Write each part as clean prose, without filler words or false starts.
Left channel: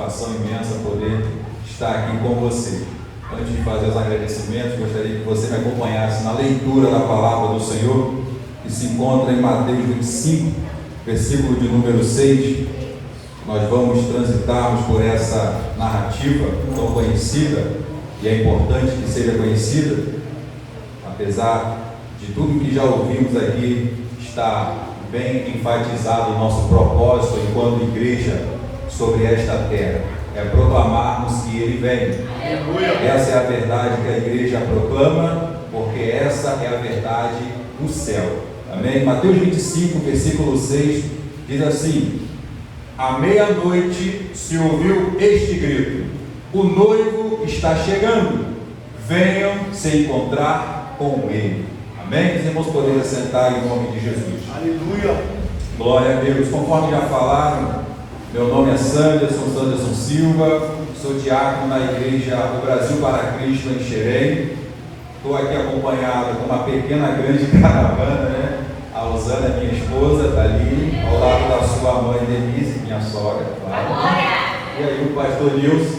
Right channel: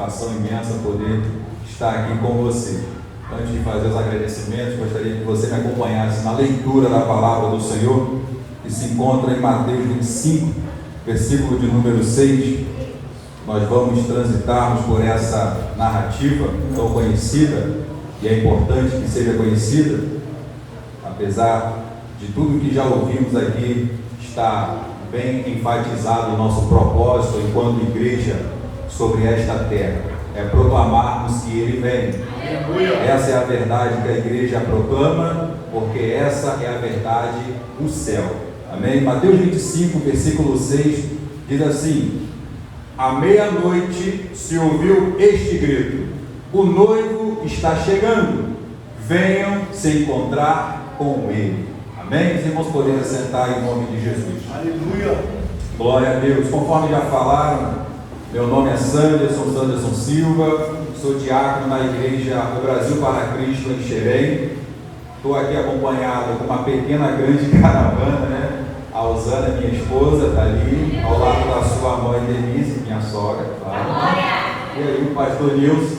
satisfação imensa poder estar aqui com você. Antes de fazer os agradecimentos, gostaria que você me acompanhasse na leitura da palavra do Senhor, que se encontra em Mateus 25, versículo de número 6. Nós vamos transitarmos por essa narrativa tão conhecida, e é importante que seja conhecida, apesar de tudo que já ouvimos aqui, está bem enfatizado o nosso propósito enquanto igreja sobre esta terra, é proclamarmos que Ele vem. Essa é a verdade que a igreja proclama, porque essa é a verdade do céu. Amém? Mateus 25, versículo 6, diz assim: à meia-noite se ouviu este grito: o noivo está chegando, venham se encontrar com Ele. Amém? Os irmãos podem sentar em nome de Jesus. Aleluia! Glória a Deus. Conforme já falaram, meu nome é Sanderson Silva, sou diácono na igreja do Brasil para Cristo em Xerém. Estou aqui acompanhado com uma pequena, grande caravana, né? A Osana, minha esposa, está ali, ao lado da sua mãe Denise, minha sogra. E aí o pastor Nilson,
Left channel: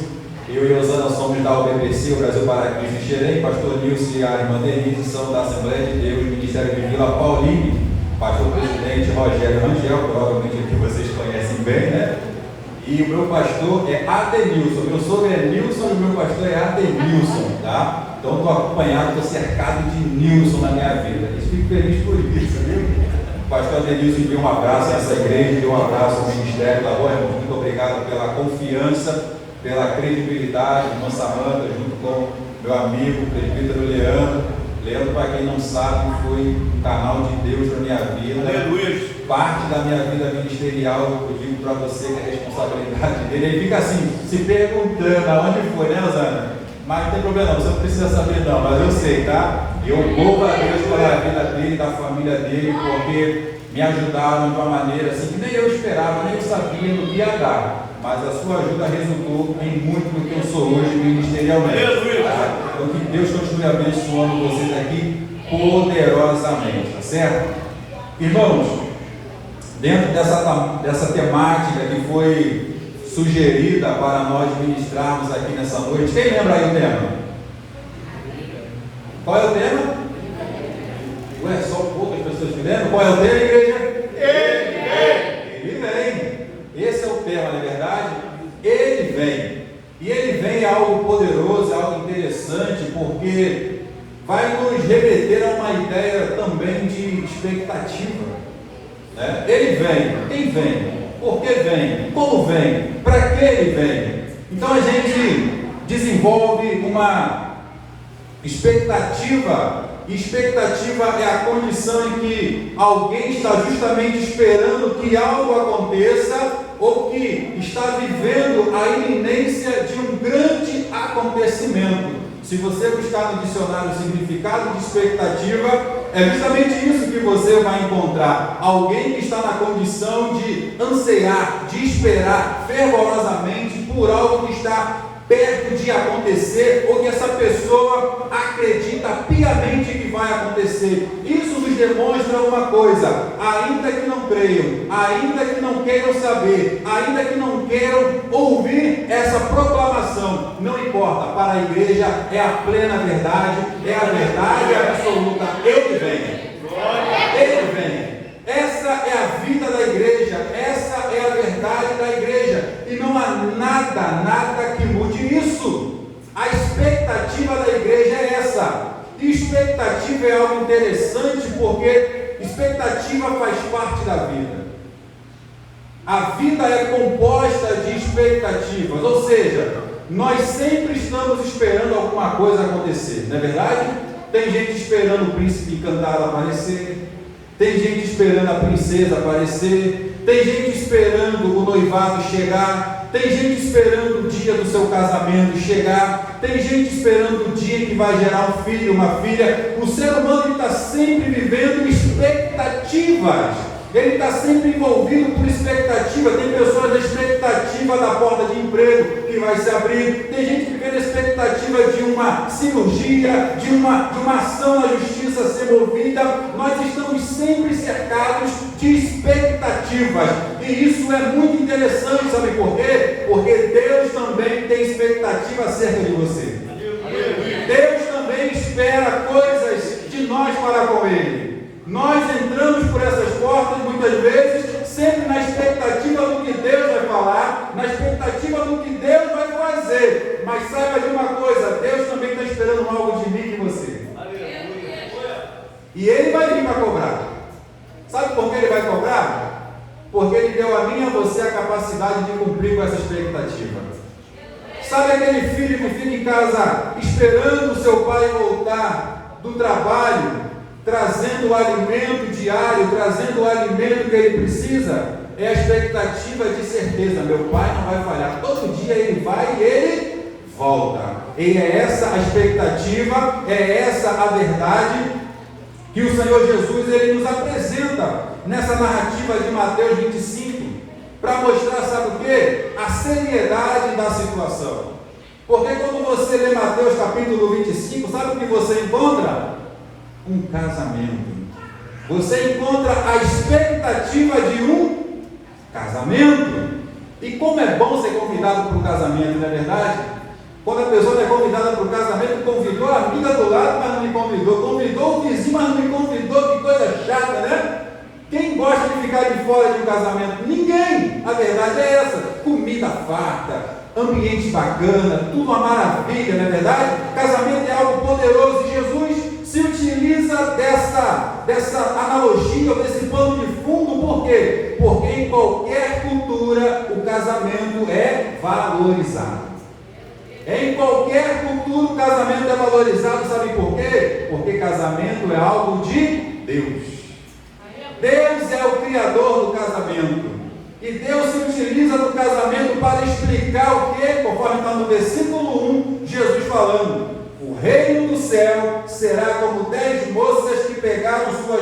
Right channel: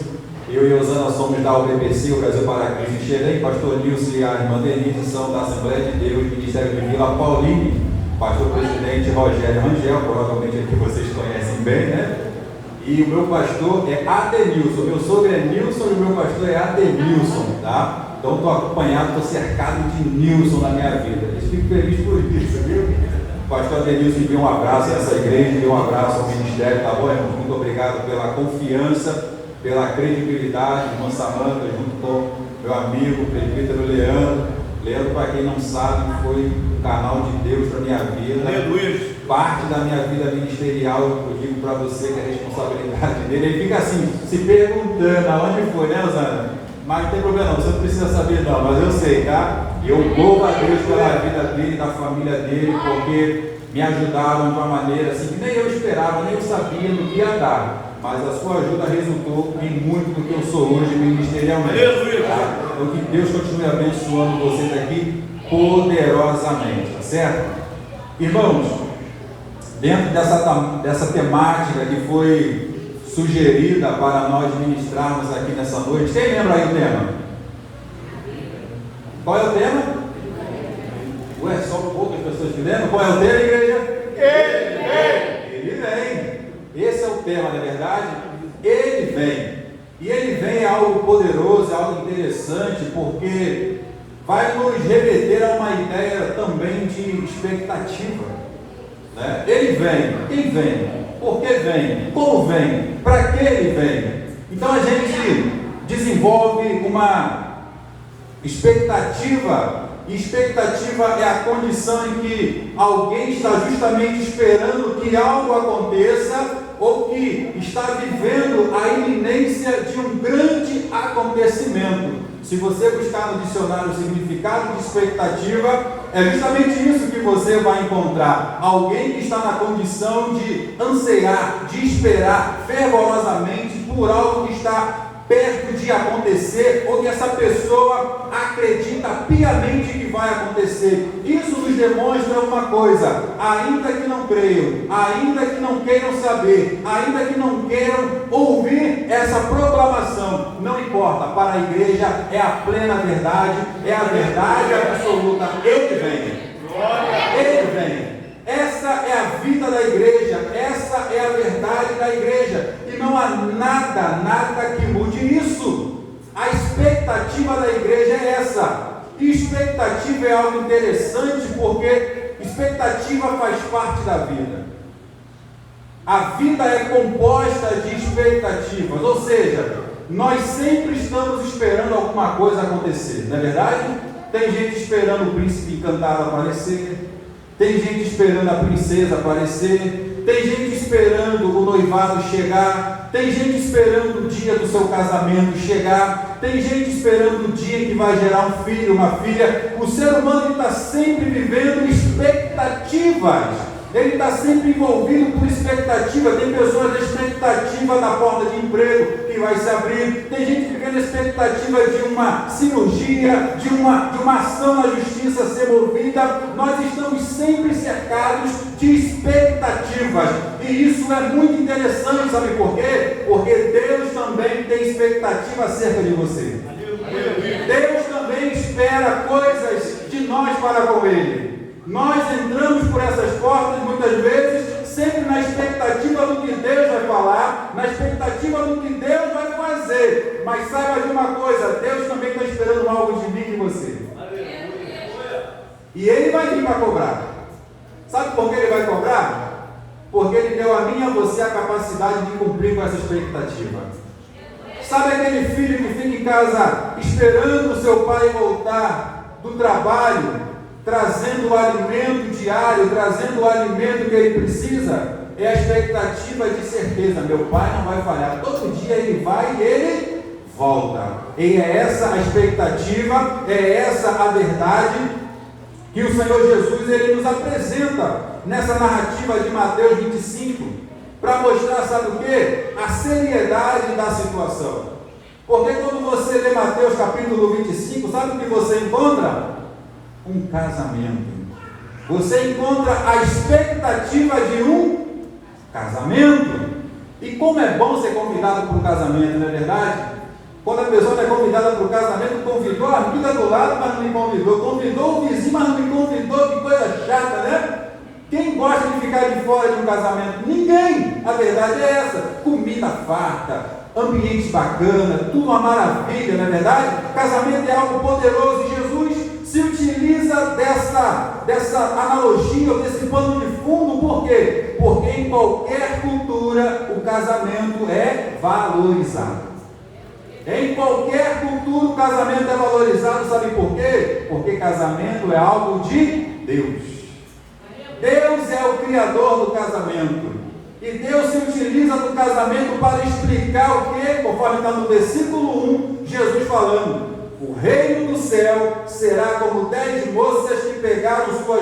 eu e a Osana somos da UBPC, o Brasil para Cristo em Xerém. Pastor Nilson e a irmã Denise são da Assembleia de Deus, Ministério de Vila Pauline. Pastor presidente Rogério Rangel, provavelmente que vocês conhecem bem, né? E o meu pastor é Adenilson. Meu sogro é Nilson e o meu pastor é Adenilson, tá? Então estou acompanhado, estou cercado de Nilson na minha vida. Eu fico feliz por isso, viu? O pastor Adenilson envia um abraço a essa igreja, envia um abraço ao ministério, tá bom, irmão? Muito obrigado pela confiança, pela credibilidade, irmã Samanta, junto com meu amigo, o presbítero Leandro. Leandro, para quem não sabe, foi o canal de Deus para minha vida. Aleluia! Parte da minha vida ministerial, eu digo para você que é a responsabilidade dele. Ele fica assim, se perguntando aonde foi, né, Osana? Mas não tem problema, você não precisa saber não, mas eu sei, tá? E eu louvo a Deus pela vida dele, da família dele, porque me ajudaram de uma maneira assim que nem eu esperava, nem eu sabia no que ia dar. Mas a sua ajuda resultou em muito do que eu sou hoje ministerialmente. Tá? Então que Deus continue abençoando vocês aqui poderosamente, tá certo? Irmãos, dentro dessa temática que foi sugerida para nós ministrarmos aqui nessa noite, quem lembra aí o tema? Qual é o tema? Ué, só poucas pessoas que lembram? Qual é o tema, igreja? Ele vem. Esse é o tema, não é verdade? Ele vem. E ele vem é algo poderoso, é algo interessante, porque vai nos remeter a uma ideia também de expectativa. Né? Ele vem. Quem vem? Por que vem? Como vem? Para que ele vem? Então a gente desenvolve uma expectativa. Expectativa é a condição em que alguém está justamente esperando que algo aconteça ou que está vivendo a iminência de um grande acontecimento. Se você buscar no dicionário o significado de expectativa, é justamente isso que você vai encontrar. Alguém que está na condição de ansiar, de esperar fervorosamente por algo que está perto de acontecer, ou que essa pessoa acredita piamente que vai acontecer. Isso nos demonstra uma coisa: ainda que não creiam, ainda que não queiram saber, ainda que não queiram ouvir essa proclamação, não importa, para a igreja é a plena verdade, é a verdade absoluta. Ele vem. Ele vem. Essa é a vida da igreja, essa é a verdade da igreja, e não há nada que mude isso. A expectativa da igreja é essa. E expectativa é algo interessante, porque expectativa faz parte da vida. A vida é composta de expectativas, ou seja, nós sempre estamos esperando alguma coisa acontecer, não é verdade? Tem gente esperando o príncipe encantado aparecer, tem gente esperando a princesa aparecer, tem gente esperando o noivado chegar, tem gente esperando o dia do seu casamento chegar, tem gente esperando o dia que vai gerar um filho, uma filha. O ser humano está sempre vivendo expectativas. Ele está sempre envolvido por expectativa. Tem pessoas na expectativa da porta de emprego que vai se abrir. Tem gente que fica na expectativa de uma cirurgia, de uma ação na justiça ser movida. Nós estamos sempre cercados de expectativas. E isso é muito interessante, sabe por quê? Porque Deus expectativa acerca de você. Deus também espera coisas de nós para com Ele. Nós entramos por essas portas muitas vezes sempre na expectativa do que Deus vai falar, na expectativa do que Deus vai fazer. Mas saiba de uma coisa, Deus também está esperando algo de mim e de você. E Ele vai vir para cobrar. Sabe por que Ele vai cobrar? Porque Ele deu a mim e a você a capacidade de cumprir com essa expectativa. Sabe aquele filho que fica em casa esperando o seu pai voltar do trabalho, trazendo o alimento diário, trazendo o alimento que ele precisa? É a expectativa de certeza: meu pai não vai falhar, todo dia ele vai e ele volta. E é essa a expectativa, é essa a verdade que o Senhor Jesus ele nos apresenta nessa narrativa de Mateus 25, para mostrar, sabe o que? A seriedade da situação. Porque quando você lê Mateus capítulo 25, sabe o que você encontra? Um casamento. Você encontra a expectativa de um casamento. E como é bom ser convidado para um casamento, não é verdade? Quando a pessoa é convidada para o casamento, convidou a amiga do lado, mas não me convidou. Convidou o vizinho, mas não me convidou. Que coisa chata, né? Quem gosta de ficar de fora de um casamento? Ninguém! A verdade é essa: comida farta, ambiente bacana, tudo uma maravilha, não é verdade? Casamento é algo poderoso e Jesus se utiliza dessa analogia, ou desse pano de fundo. Por quê? Porque em qualquer cultura o casamento é valorizado. Em qualquer cultura o casamento é valorizado, sabe por quê? Porque casamento é algo de Deus. Deus é o criador do casamento. E Deus se utiliza do casamento para explicar o que? Conforme está no versículo 1, Jesus falando: o reino do céu será como 10 moças que pegaram suas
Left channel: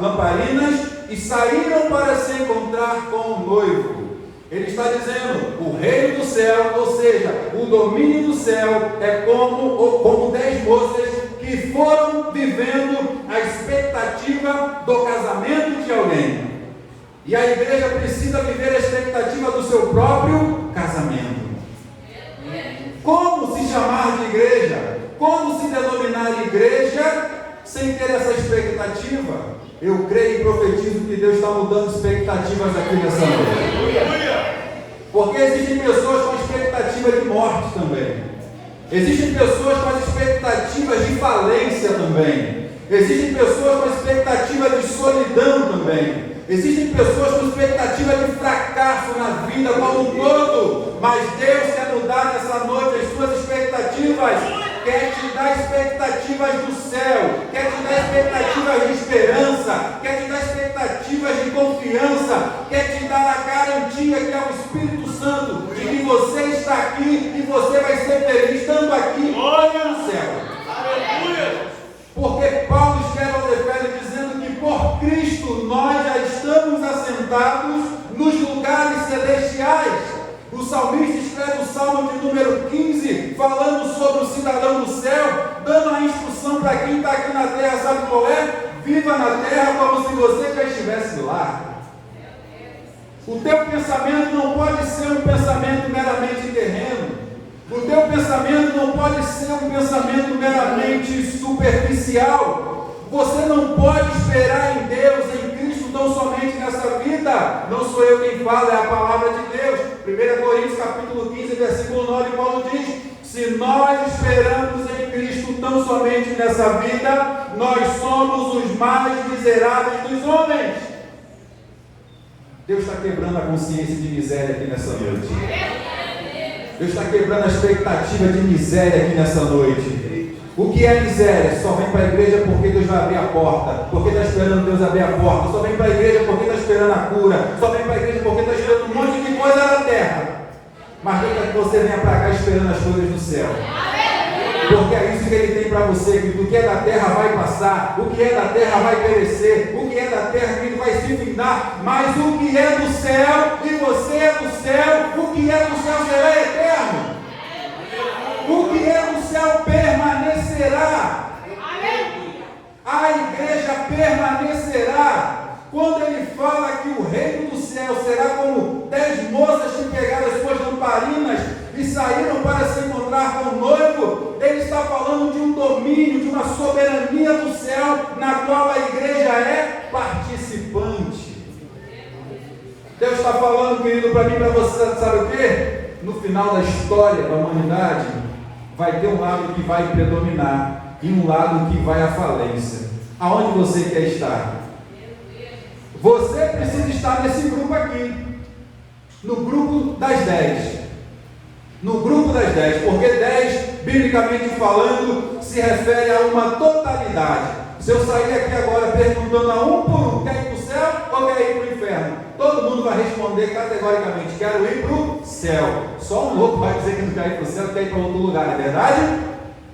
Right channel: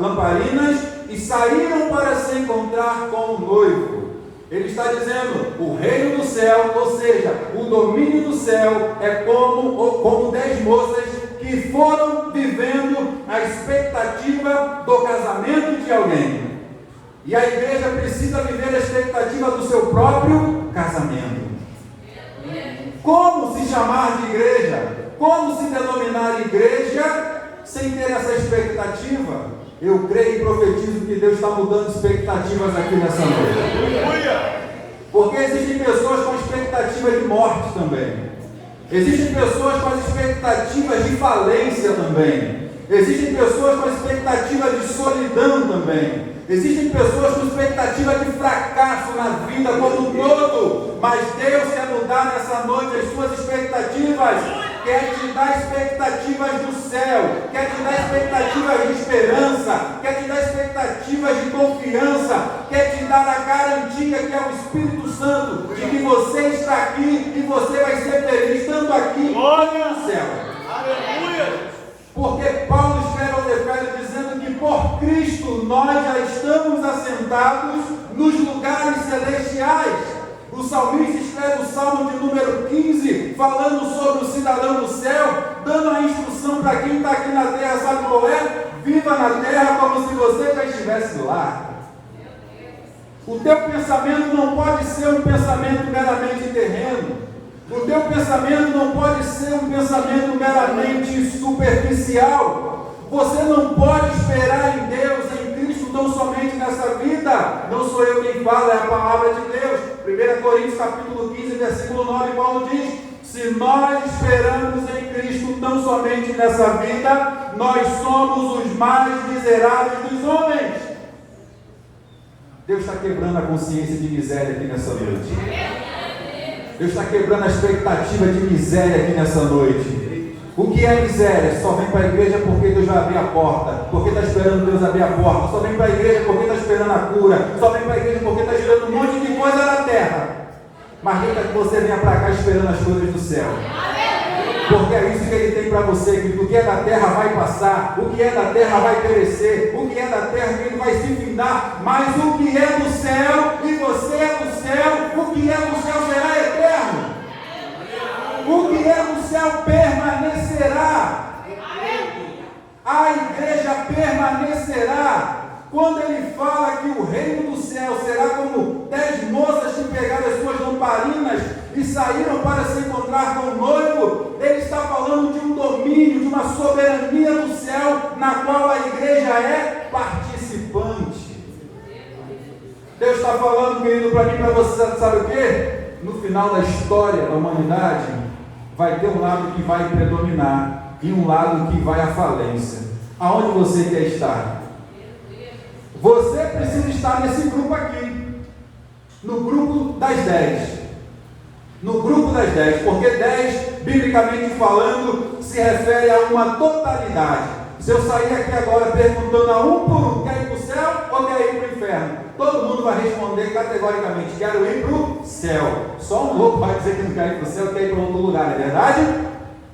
lamparinas e saíram para se encontrar com o noivo. Ele está dizendo: o reino do céu, ou seja, o domínio do céu é como 10 moças que foram vivendo a expectativa do casamento de alguém. E a igreja precisa viver a expectativa do seu próprio casamento. Como se chamar de igreja? Como se denominar igreja sem ter essa expectativa? Eu creio e profetizo que Deus está mudando expectativas aqui nessa noite. Porque existem pessoas com expectativa de morte também. Existem pessoas com expectativas de falência também. Existem pessoas com expectativa de solidão também. Existem pessoas com expectativa de fracasso na vida como um todo. Mas Deus quer mudar nessa noite as suas expectativas. Quer te dar expectativas do céu. Quer te dar expectativas de esperança. Quer te dar expectativas de confiança. Quer te dar a garantia que é o Espírito Santo, de que você está aqui e você vai ser feliz estando aqui no céu. Aleluia! Porque Paulo escreve aos Efésios dizendo que por Cristo nós já estamos assentados nos lugares celestiais. O salmista escreve o Salmo de número 15, falando sobre o cidadão do céu, dando a instrução para quem está aqui na terra, sabe qual é? Viva na terra como se você já estivesse lá. O teu pensamento não pode ser um pensamento meramente terreno. O teu pensamento não pode ser um pensamento meramente superficial. Você não pode esperar em Deus, em Cristo, tão somente nessa vida. Não sou eu quem fala, é a palavra de Deus. 1 Coríntios capítulo 15, versículo 9, Paulo diz: se nós esperamos em Cristo tão somente nessa vida, nós somos os mais miseráveis dos homens. Deus está quebrando a consciência de miséria aqui nessa noite. Deus está quebrando a expectativa de miséria aqui nessa noite. O que é miséria? Só vem para a igreja porque Deus vai abrir a porta. Porque está esperando Deus abrir a porta. Só vem para a igreja porque está esperando a cura. Só vem para a igreja porque está esperando um monte de coisa da terra. Mas Deus quer que você venha para cá esperando as coisas do céu. Porque é isso que Ele tem para você, que o que é da terra vai passar, o que é da terra vai perecer, o que é da terra Ele vai se findar, mas o que é do céu, e você é do céu, o que é do céu será eterno. O que é do céu permanecerá. A igreja permanecerá. Quando Ele fala que o reino do céu será como 10 moças que pegaram as suas lamparinas e saíram para se encontrar com o noivo, ele está falando de um domínio, de uma soberania do céu, na qual a igreja é participante. Deus está falando, querido, para mim, para você, sabe o quê? No final da história da humanidade, vai ter um lado que vai predominar e um lado que vai à falência. Aonde você quer estar? Você precisa estar nesse grupo aqui, no grupo das 10. No grupo das 10, porque 10, biblicamente falando, se refere a uma totalidade. Se eu sair aqui agora perguntando a um por um, quer ir para o céu ou quer ir para o inferno? Todo mundo vai responder categoricamente: quero ir para o céu. Só um louco vai dizer que não quer ir para o céu, quer ir para outro lugar, é verdade?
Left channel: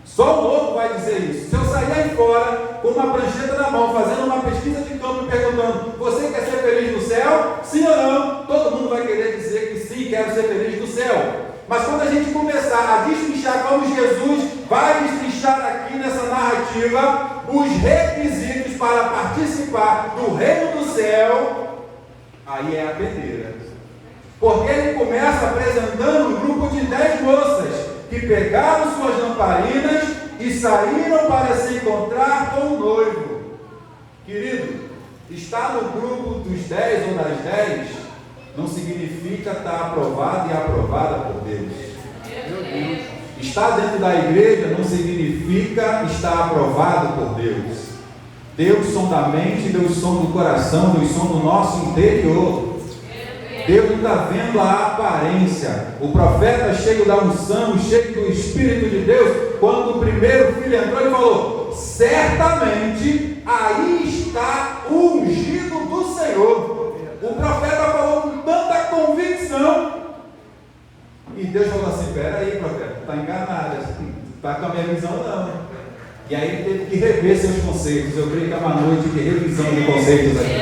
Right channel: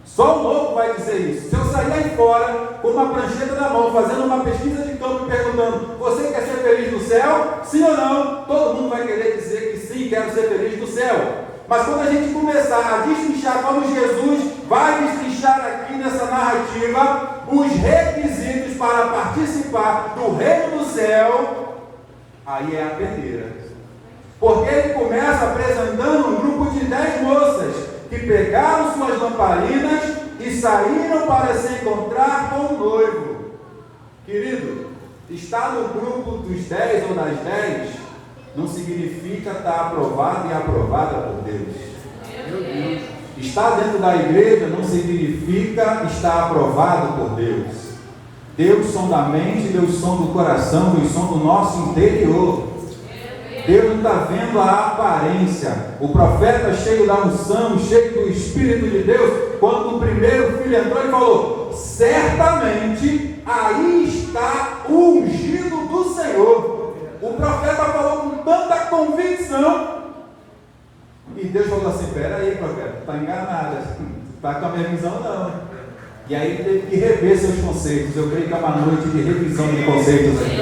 Só um louco vai dizer isso. Se eu sair aí fora com uma prancheta na mão, fazendo uma pesquisa de campo e perguntando: você quer ser feliz no céu? Sim ou não? Todo mundo vai querer dizer que sim, quero ser feliz no céu. Mas quando a gente começar a destrinchar, como Jesus vai destrinchar aqui nessa narrativa, os requisitos para participar do reino do céu, aí é a peneira. Porque ele começa apresentando um grupo de 10 moças que pegaram suas lamparinas e saíram para se encontrar com o noivo. Querido, estar no grupo dos 10 ou das 10 não significa estar aprovado e aprovada por Deus. Meu Deus. Estar dentro da igreja não significa estar aprovado por Deus. Deus sonda da mente, Deus sonda do coração, Deus sonda do nosso interior. Deus não está vendo a aparência. O profeta cheio da unção, cheio do Espírito de Deus, quando o primeiro filho entrou, ele falou: certamente aí está o ungido do Senhor. O profeta falou com tanta convicção, e Deus falou assim: espera aí, profeta, está enganado, está com a minha visão não. E aí ele teve que rever seus conceitos. Eu creio que é uma noite de revisão de conceitos aqui.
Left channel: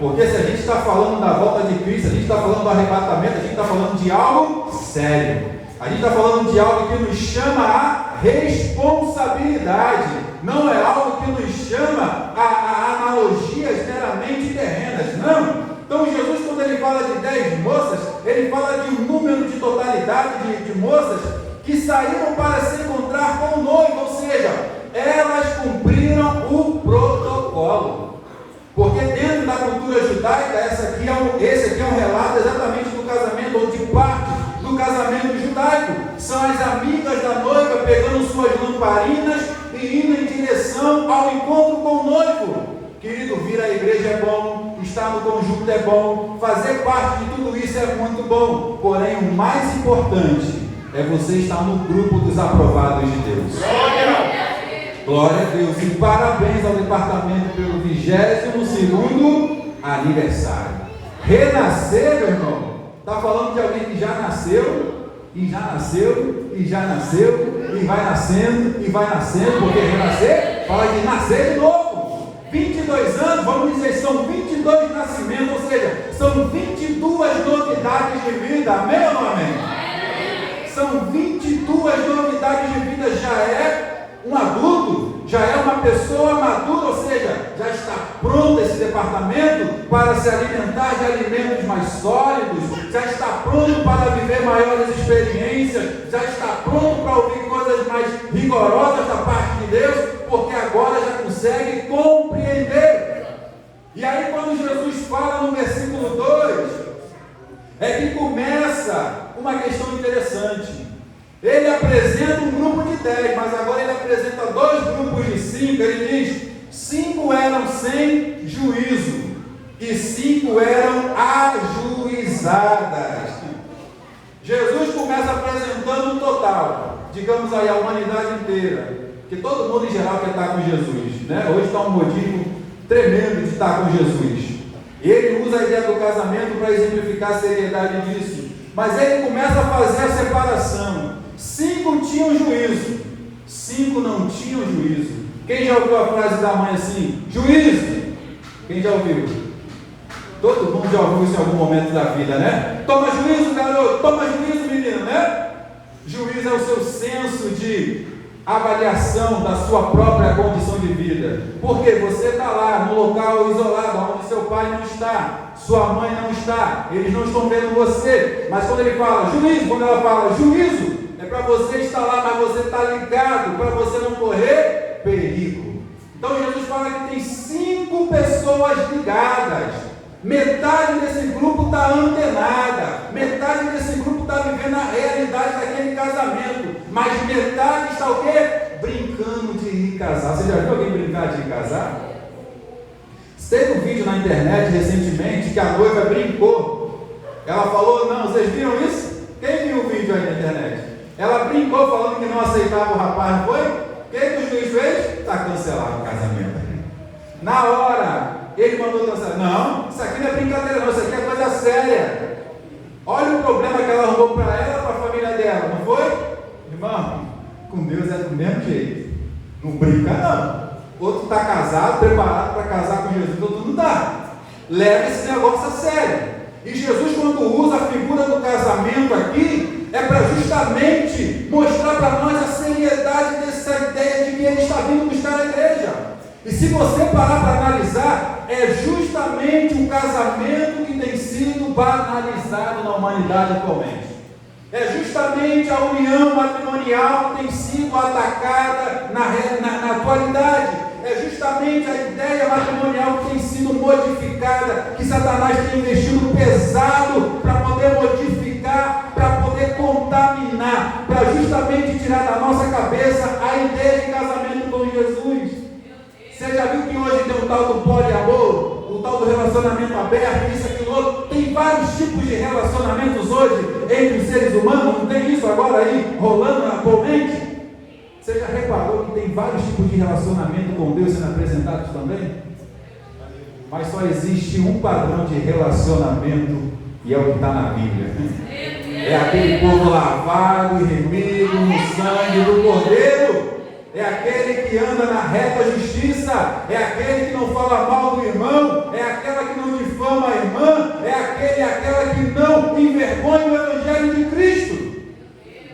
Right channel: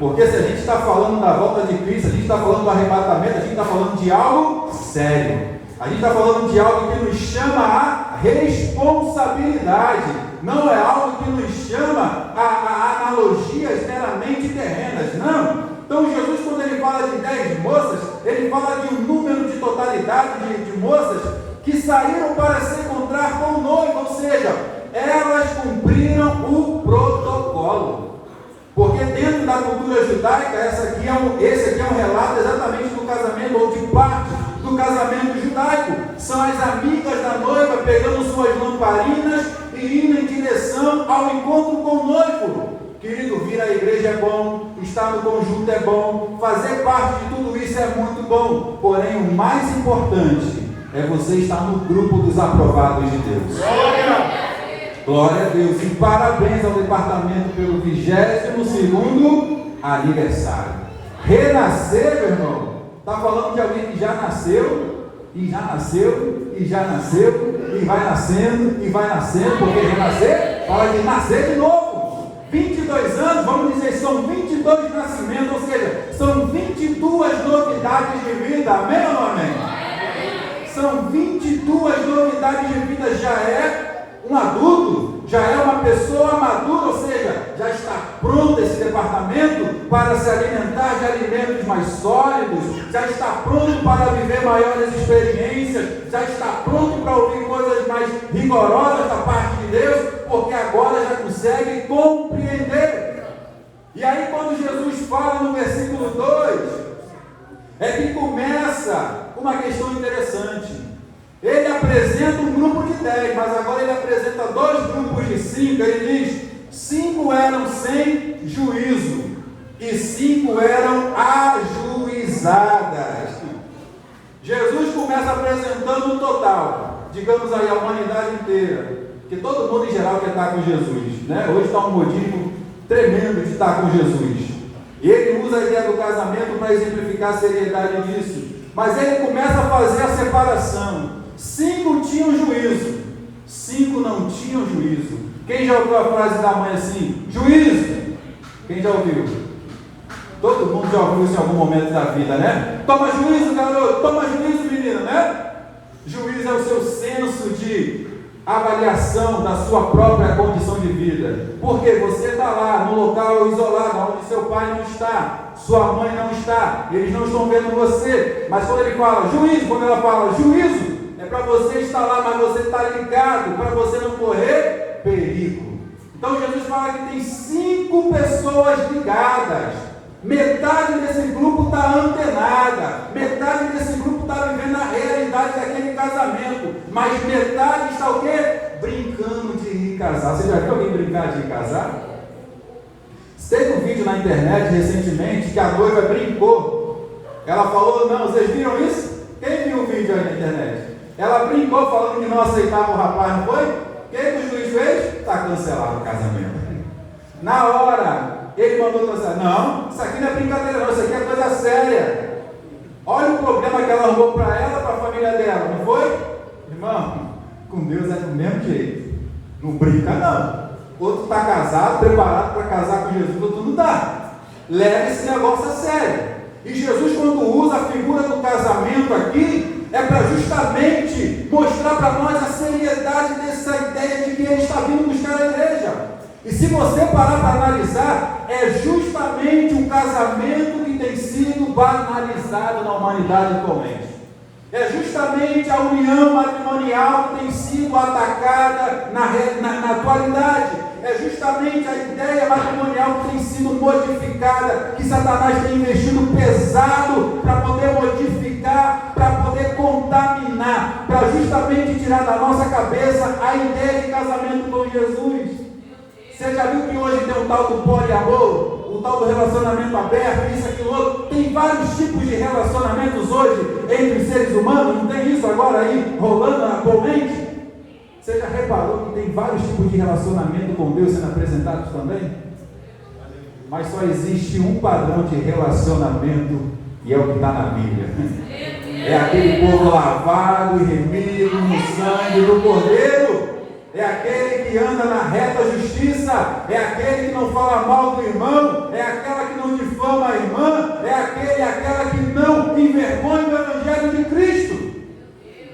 Porque se a gente está falando da volta de Cristo, a gente está falando do arrebatamento, a gente está falando de algo sério. A gente está falando de algo que nos chama a responsabilidade. Não é algo que nos chama a analogias meramente terrenas. Não. Então Jesus, quando ele fala de 10 moças, ele fala de um número de totalidade de moças que saíram para se encontrar com o noivo. Ou seja, elas cumpriram o protocolo. Porque dentro da cultura judaica, esse aqui é um relato exatamente do casamento, ou de parte do casamento judaico. São as amigas da noiva pegando suas lamparinas e indo em direção ao encontro com o noivo. Querido, vir à igreja é bom, estar no conjunto é bom, fazer parte de tudo isso é muito bom. Porém, o mais importante é você estar no grupo dos aprovados de Deus. Glória a Deus, e parabéns ao departamento pelo 22º aniversário. Renascer, meu irmão, está falando de alguém que já nasceu, e já nasceu, e já nasceu, e vai nascendo, porque renascer fala de nascer de novo. 22 anos, vamos dizer, são 22 nascimentos, ou seja, são 22 novidades de vida, amém ou não amém? São 22 novidades de vida, já é um adulto, já é uma pessoa madura, ou seja, já está pronto esse departamento para se alimentar de alimentos mais sólidos, já está pronto para viver maiores experiências, já está pronto para ouvir coisas mais rigorosas da parte de Deus, porque agora já consegue compreender. E aí quando Jesus fala no versículo 2, é que começa uma questão interessante. Ele apresenta um grupo de 10, mas agora ele apresenta 2 grupos de 5. Ele diz: 5 eram sem juízo e 5 eram ajuizadas. Jesus começa apresentando o total, digamos aí, a humanidade inteira, que todo mundo em geral quer estar com Jesus, né? Hoje está um modismo tremendo de estar com Jesus. E ele usa a ideia do casamento para exemplificar a seriedade disso, mas ele começa a fazer a separação. 5 tinham juízo, 5 não tinham juízo. Quem já ouviu a frase da mãe assim? Juízo! Quem já ouviu? Todo mundo já ouviu isso em algum momento da vida, né? Toma juízo, garoto! Toma juízo, menino, né? Juízo é o seu senso de avaliação da sua própria condição de vida. Porque você está lá no local isolado, onde seu pai não está, sua mãe não está, eles não estão vendo você. Mas quando ele fala juízo, quando ela fala juízo, é para você estar lá, mas você está ligado, para você não correr perigo. Então Jesus fala que tem 5 pessoas ligadas. Metade desse grupo está antenada, metade desse grupo está vivendo a realidade daquele casamento, mas metade está o quê? Brincando de ir casar. Você já viu alguém brincar de ir casar? Teve um vídeo na internet recentemente que a noiva brincou. Ela falou, não, vocês viram isso? Quem viu o vídeo aí na internet? Ela brincou falando que não aceitava o rapaz, não foi? O que o juiz fez? Está cancelado o casamento. Na hora, ele mandou cancelar. Não, isso aqui não é brincadeira não, isso aqui é coisa séria. Olha o problema que ela arrumou para ela, para a família dela, não foi? Irmão, com Deus é do mesmo jeito. Não brinca não. Outro está casado, preparado para casar com Jesus, outro não está. Leva esse negócio a sério. E Jesus, quando usa a figura do casamento aqui, é para justamente mostrar para nós a seriedade dessa ideia de que ele está vindo buscar a igreja. E se você parar para analisar, é justamente um casamento que tem sido banalizado na humanidade atualmente. É justamente a união matrimonial que tem sido atacada na atualidade. É justamente a ideia matrimonial que tem sido modificada, que Satanás tem investido pesado para poder modificar, para poder contaminar, para justamente tirar da nossa cabeça a ideia de casamento com Jesus. Você já viu que hoje tem um tal do poliamor, um tal do relacionamento aberto, isso, aquilo, outro? Tem vários tipos de relacionamentos hoje entre os seres humanos, não tem isso agora aí rolando atualmente? Você já reparou que tem vários tipos de relacionamento com Deus sendo apresentados também? Mas só existe um padrão de relacionamento e é o que está na Bíblia. É aquele povo lavado e remido no sangue do Cordeiro. É aquele que anda na reta justiça, é aquele que não fala mal do irmão, é aquela que não difama a irmã, é aquele e aquela que não envergonha o Evangelho de Cristo.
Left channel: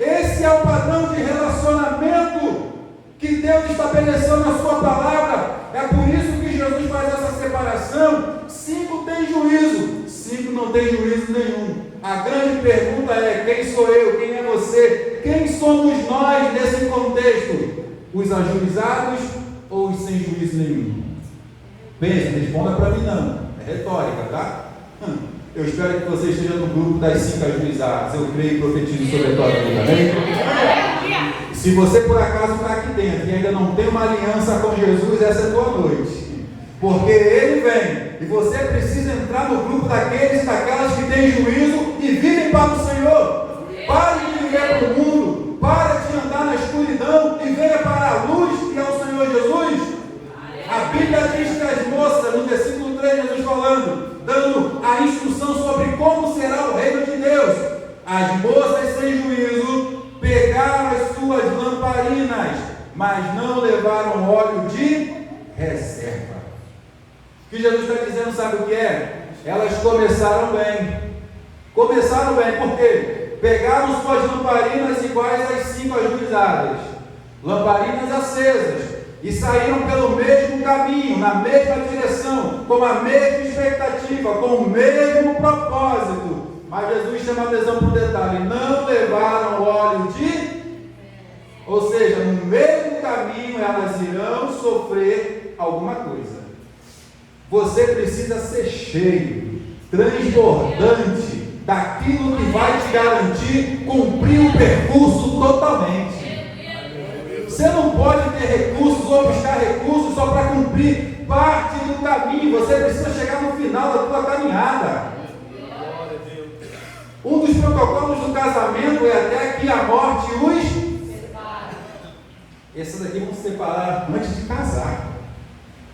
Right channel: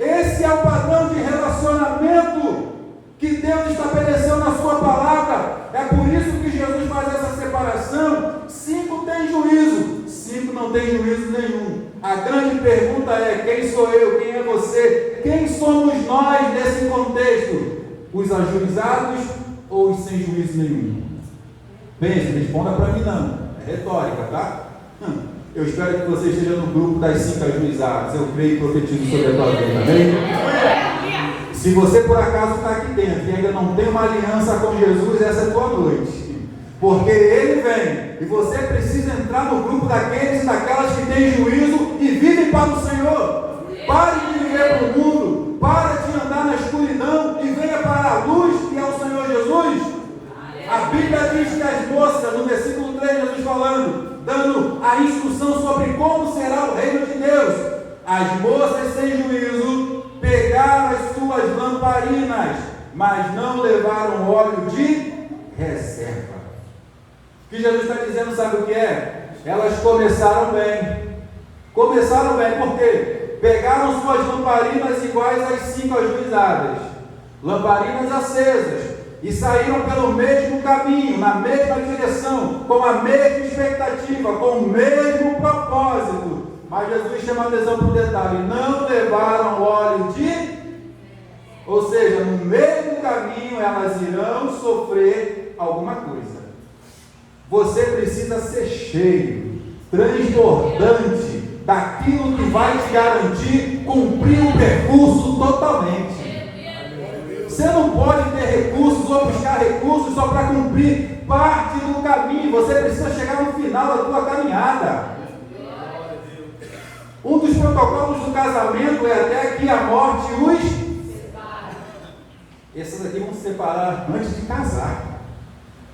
Esse é o padrão de relacionamento que Deus estabeleceu na sua palavra. É por isso que Jesus faz essa separação. 5 tem juízo, 5 não tem juízo nenhum. A grande pergunta é: quem sou eu? Quem é você? Quem somos nós nesse contexto? Os ajuizados ou os sem juízo nenhum? Pense, responda para mim não. É retórica, tá? Eu espero que você esteja no grupo das 5 ajuizadas. Eu creio e profetizo sobre a tua vida, amém? Se você por acaso está aqui dentro e ainda não tem uma aliança com Jesus, essa é a tua noite. Porque Ele vem e você precisa entrar no grupo daqueles e daquelas que têm juízo e vivem para o Senhor. Pare de viver para o mundo, pare de andar na escuridão e venha para a luz que é o Senhor Jesus. A Bíblia diz que as moças, no versículo 3, Jesus falando, dando a instrução sobre como será o reino de Deus. As moças sem juízo pegaram as suas lamparinas, mas não levaram óleo de reserva. O que Jesus está dizendo, sabe o que é? Elas começaram bem. Começaram bem, por quê? Pegaram suas lamparinas iguais às 5 ajuizadas, lamparinas acesas, e saíram pelo mesmo caminho, na mesma direção, com a mesma expectativa, com o mesmo propósito. Mas Jesus chama a atenção para o detalhe: não levaram óleo de... Ou seja, no mesmo caminho elas irão sofrer alguma coisa. Você precisa ser cheio, transbordante, daquilo que vai te garantir cumprir o percurso totalmente. Você não pode ter recursos ou buscar recursos só para cumprir parte do caminho. Você precisa chegar no final da tua caminhada. Um dos protocolos do casamento é até que a morte os separe. Esses aqui vão se separar antes de casar.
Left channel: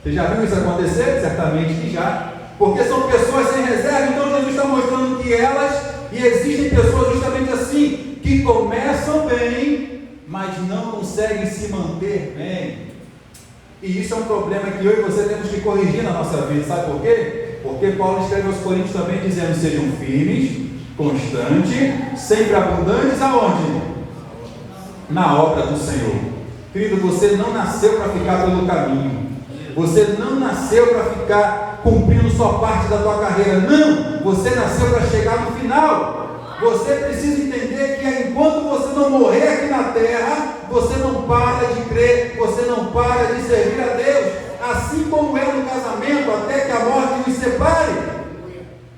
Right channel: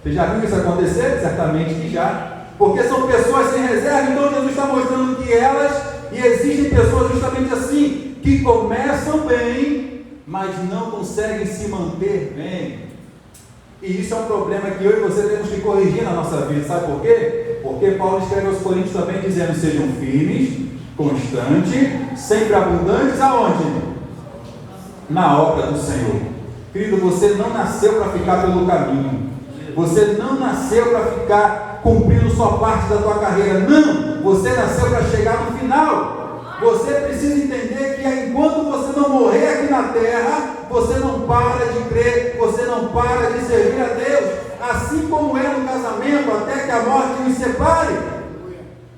Você já viu isso acontecer? Certamente que já. Porque são pessoas sem reserva. Então Jesus está mostrando que elas, e existem pessoas justamente assim, que começam bem, mas não conseguem se manter bem. E isso é um problema que eu e você temos que corrigir na nossa vida. Sabe por quê? Porque Paulo escreve aos Coríntios também dizendo: sejam firmes, constantes, sempre abundantes aonde? Na obra do Senhor. Querido, você não nasceu para ficar pelo caminho. Você não nasceu para ficar cumprindo só parte da tua carreira. Não, você nasceu para chegar no final. Você precisa entender que enquanto você não morrer aqui na terra, você não para de crer, você não para de servir a Deus. Assim como é no casamento, até que a morte nos separe.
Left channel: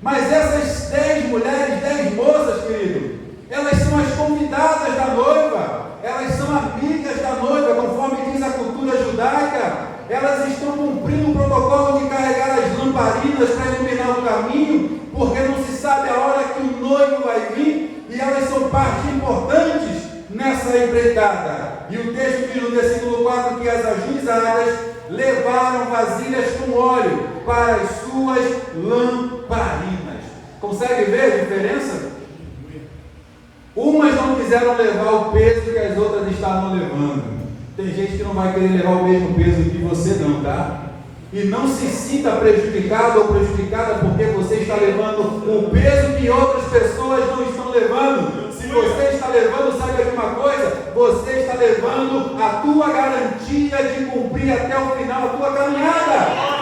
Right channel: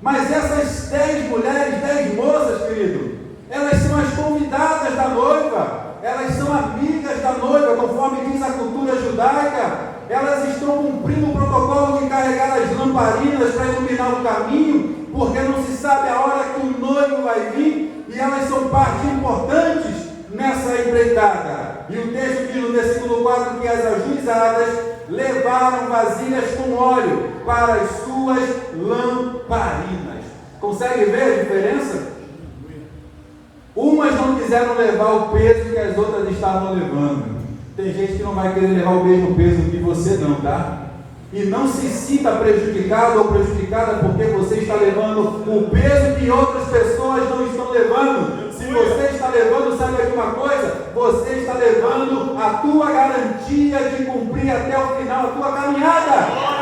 Mas essas 10 mulheres, 10 moças, querido, elas são as convidadas da noiva, elas são amigas da noiva, conforme diz a cultura judaica. Elas estão cumprindo o protocolo de carregar as lamparinas para iluminar o caminho, porque não se sabe a hora que o noivo vai vir, e elas são parte importantes nessa empreitada. E o texto diz no versículo 4 que as ajuizadas levaram vasilhas com óleo para as suas lamparinas. Consegue ver a diferença? Umas não quiseram levar o peso que as outras estavam levando. Tem gente que não vai querer levar o mesmo peso que você não, tá? E não se sinta prejudicado ou prejudicada porque você está levando o peso que outras pessoas não estão levando. Se você está levando, sabe de uma coisa? Você está levando a tua garantia de cumprir até o final a tua caminhada.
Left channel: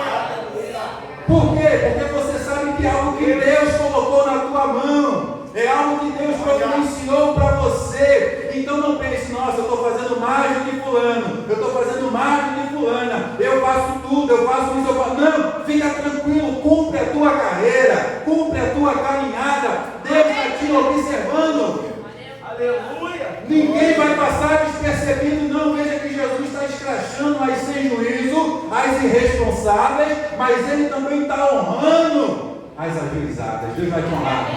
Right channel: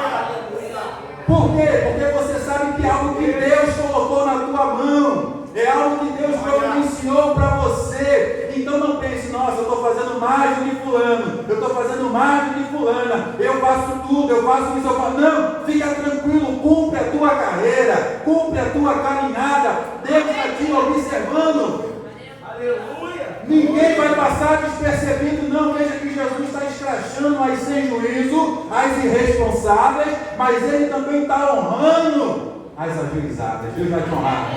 Por quê? Porque você sabe que é algo que Deus colocou na tua mão. É algo que Deus providenciou para você. Então não pense, nossa, eu estou fazendo mais do que fulano, eu estou fazendo mais do que fulana, eu faço tudo, eu faço isso, eu faço... Não, fica tranquilo, cumpre a tua carreira, cumpre a tua caminhada. Deus está te observando. Aleluia! Ninguém vai passar despercebido, não. Veja que Jesus está escrachando as sem juízo, as irresponsáveis, mas Ele também está honrando as ajuizadas. Deus vai te honrar.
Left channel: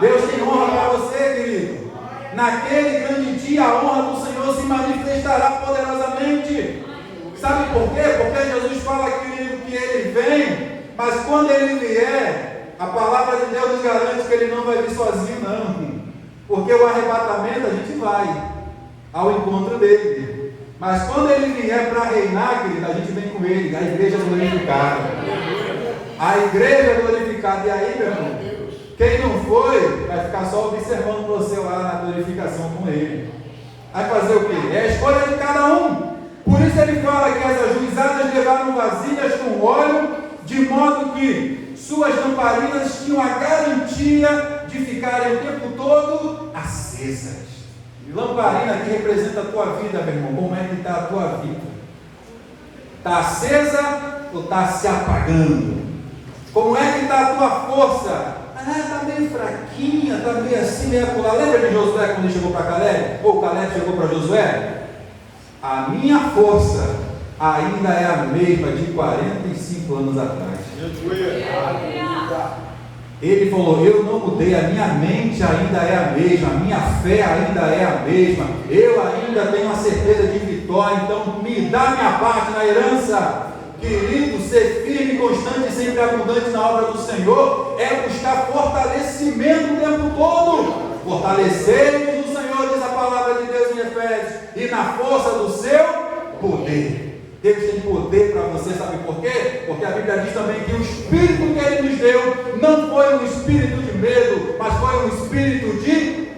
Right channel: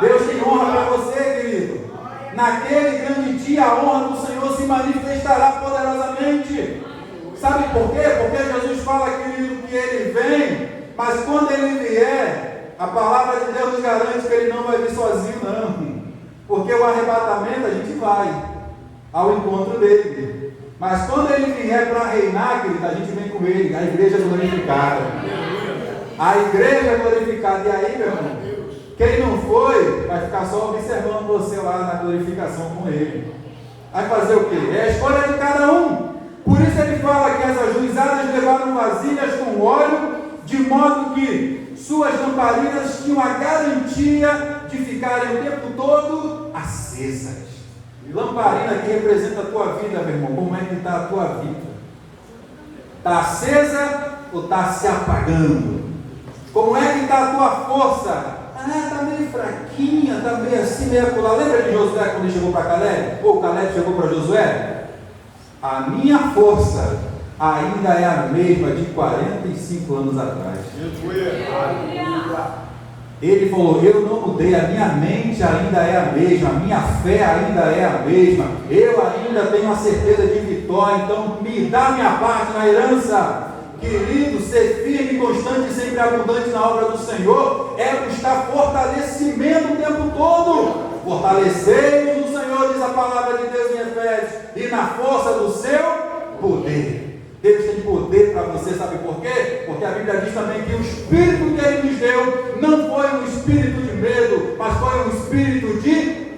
Deus tem honra para você, querido. Naquele grande dia, a honra do Senhor se manifestará poderosamente. Sabe por quê? Porque Jesus fala, querido, que Ele vem, mas quando Ele vier, a palavra de Deus nos garante que Ele não vai vir sozinho, não. Porque o arrebatamento a gente vai ao encontro dele. Mas quando Ele vier para reinar, querido, a gente vem com Ele, a igreja glorificada. A igreja glorificada. E aí, meu irmão? Quem não foi, vai ficar só observando você lá na glorificação com Ele. Vai fazer o quê? É a escolha de cada um. Por isso Ele fala que as ajuizadas levaram vasilhas com óleo, de modo que suas lamparinas tinham a garantia de ficarem o tempo todo acesas. E lamparina aqui representa a tua vida, meu irmão. Como é que está a tua vida? Está acesa ou está se apagando? Como é que está a tua força? Está meio fraquinha, está meio assim, meio acolá. Lembra de Josué quando ele chegou para Caleb? Ou Caleb chegou para Josué? A minha força ainda é a mesma de 45 anos atrás. Ele falou, eu não mudei, a minha mente ainda é a mesma, a minha fé ainda é a mesma, eu ainda tenho a certeza de vitória, então me dá minha parte na herança. Querido, ser firme, constante e sempre abundante na obra do Senhor é buscar fortalecimento o tempo todo. Fortalecei-vos no Senhor, diz a palavra de Deus em Efésios, e na força do seu poder. Deus tem poder para você, sabe por quê? Porque a Bíblia diz também que o Espírito que Ele nos deu não foi um espírito de medo, mas foi um espírito de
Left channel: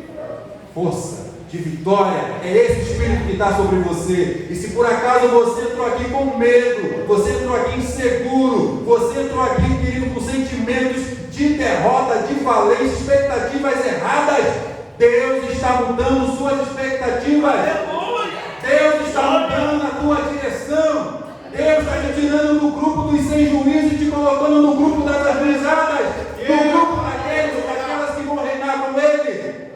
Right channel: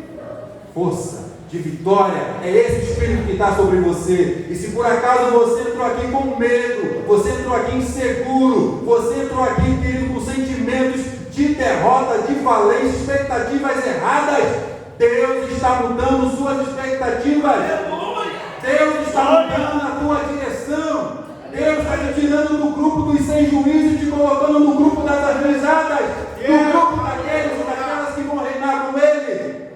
força, de vitória. É esse espírito que está sobre você. E se por acaso você entrou aqui com medo, você entrou aqui inseguro, você entrou aqui, querido, com sentimentos de derrota, de falência, expectativas erradas, Deus está mudando suas expectativas. Deus está mudando a tua direção. Deus está te tirando do grupo dos sem juízo e te colocando no grupo das ajuizadas, no grupo daquelas que vão reinar com Ele.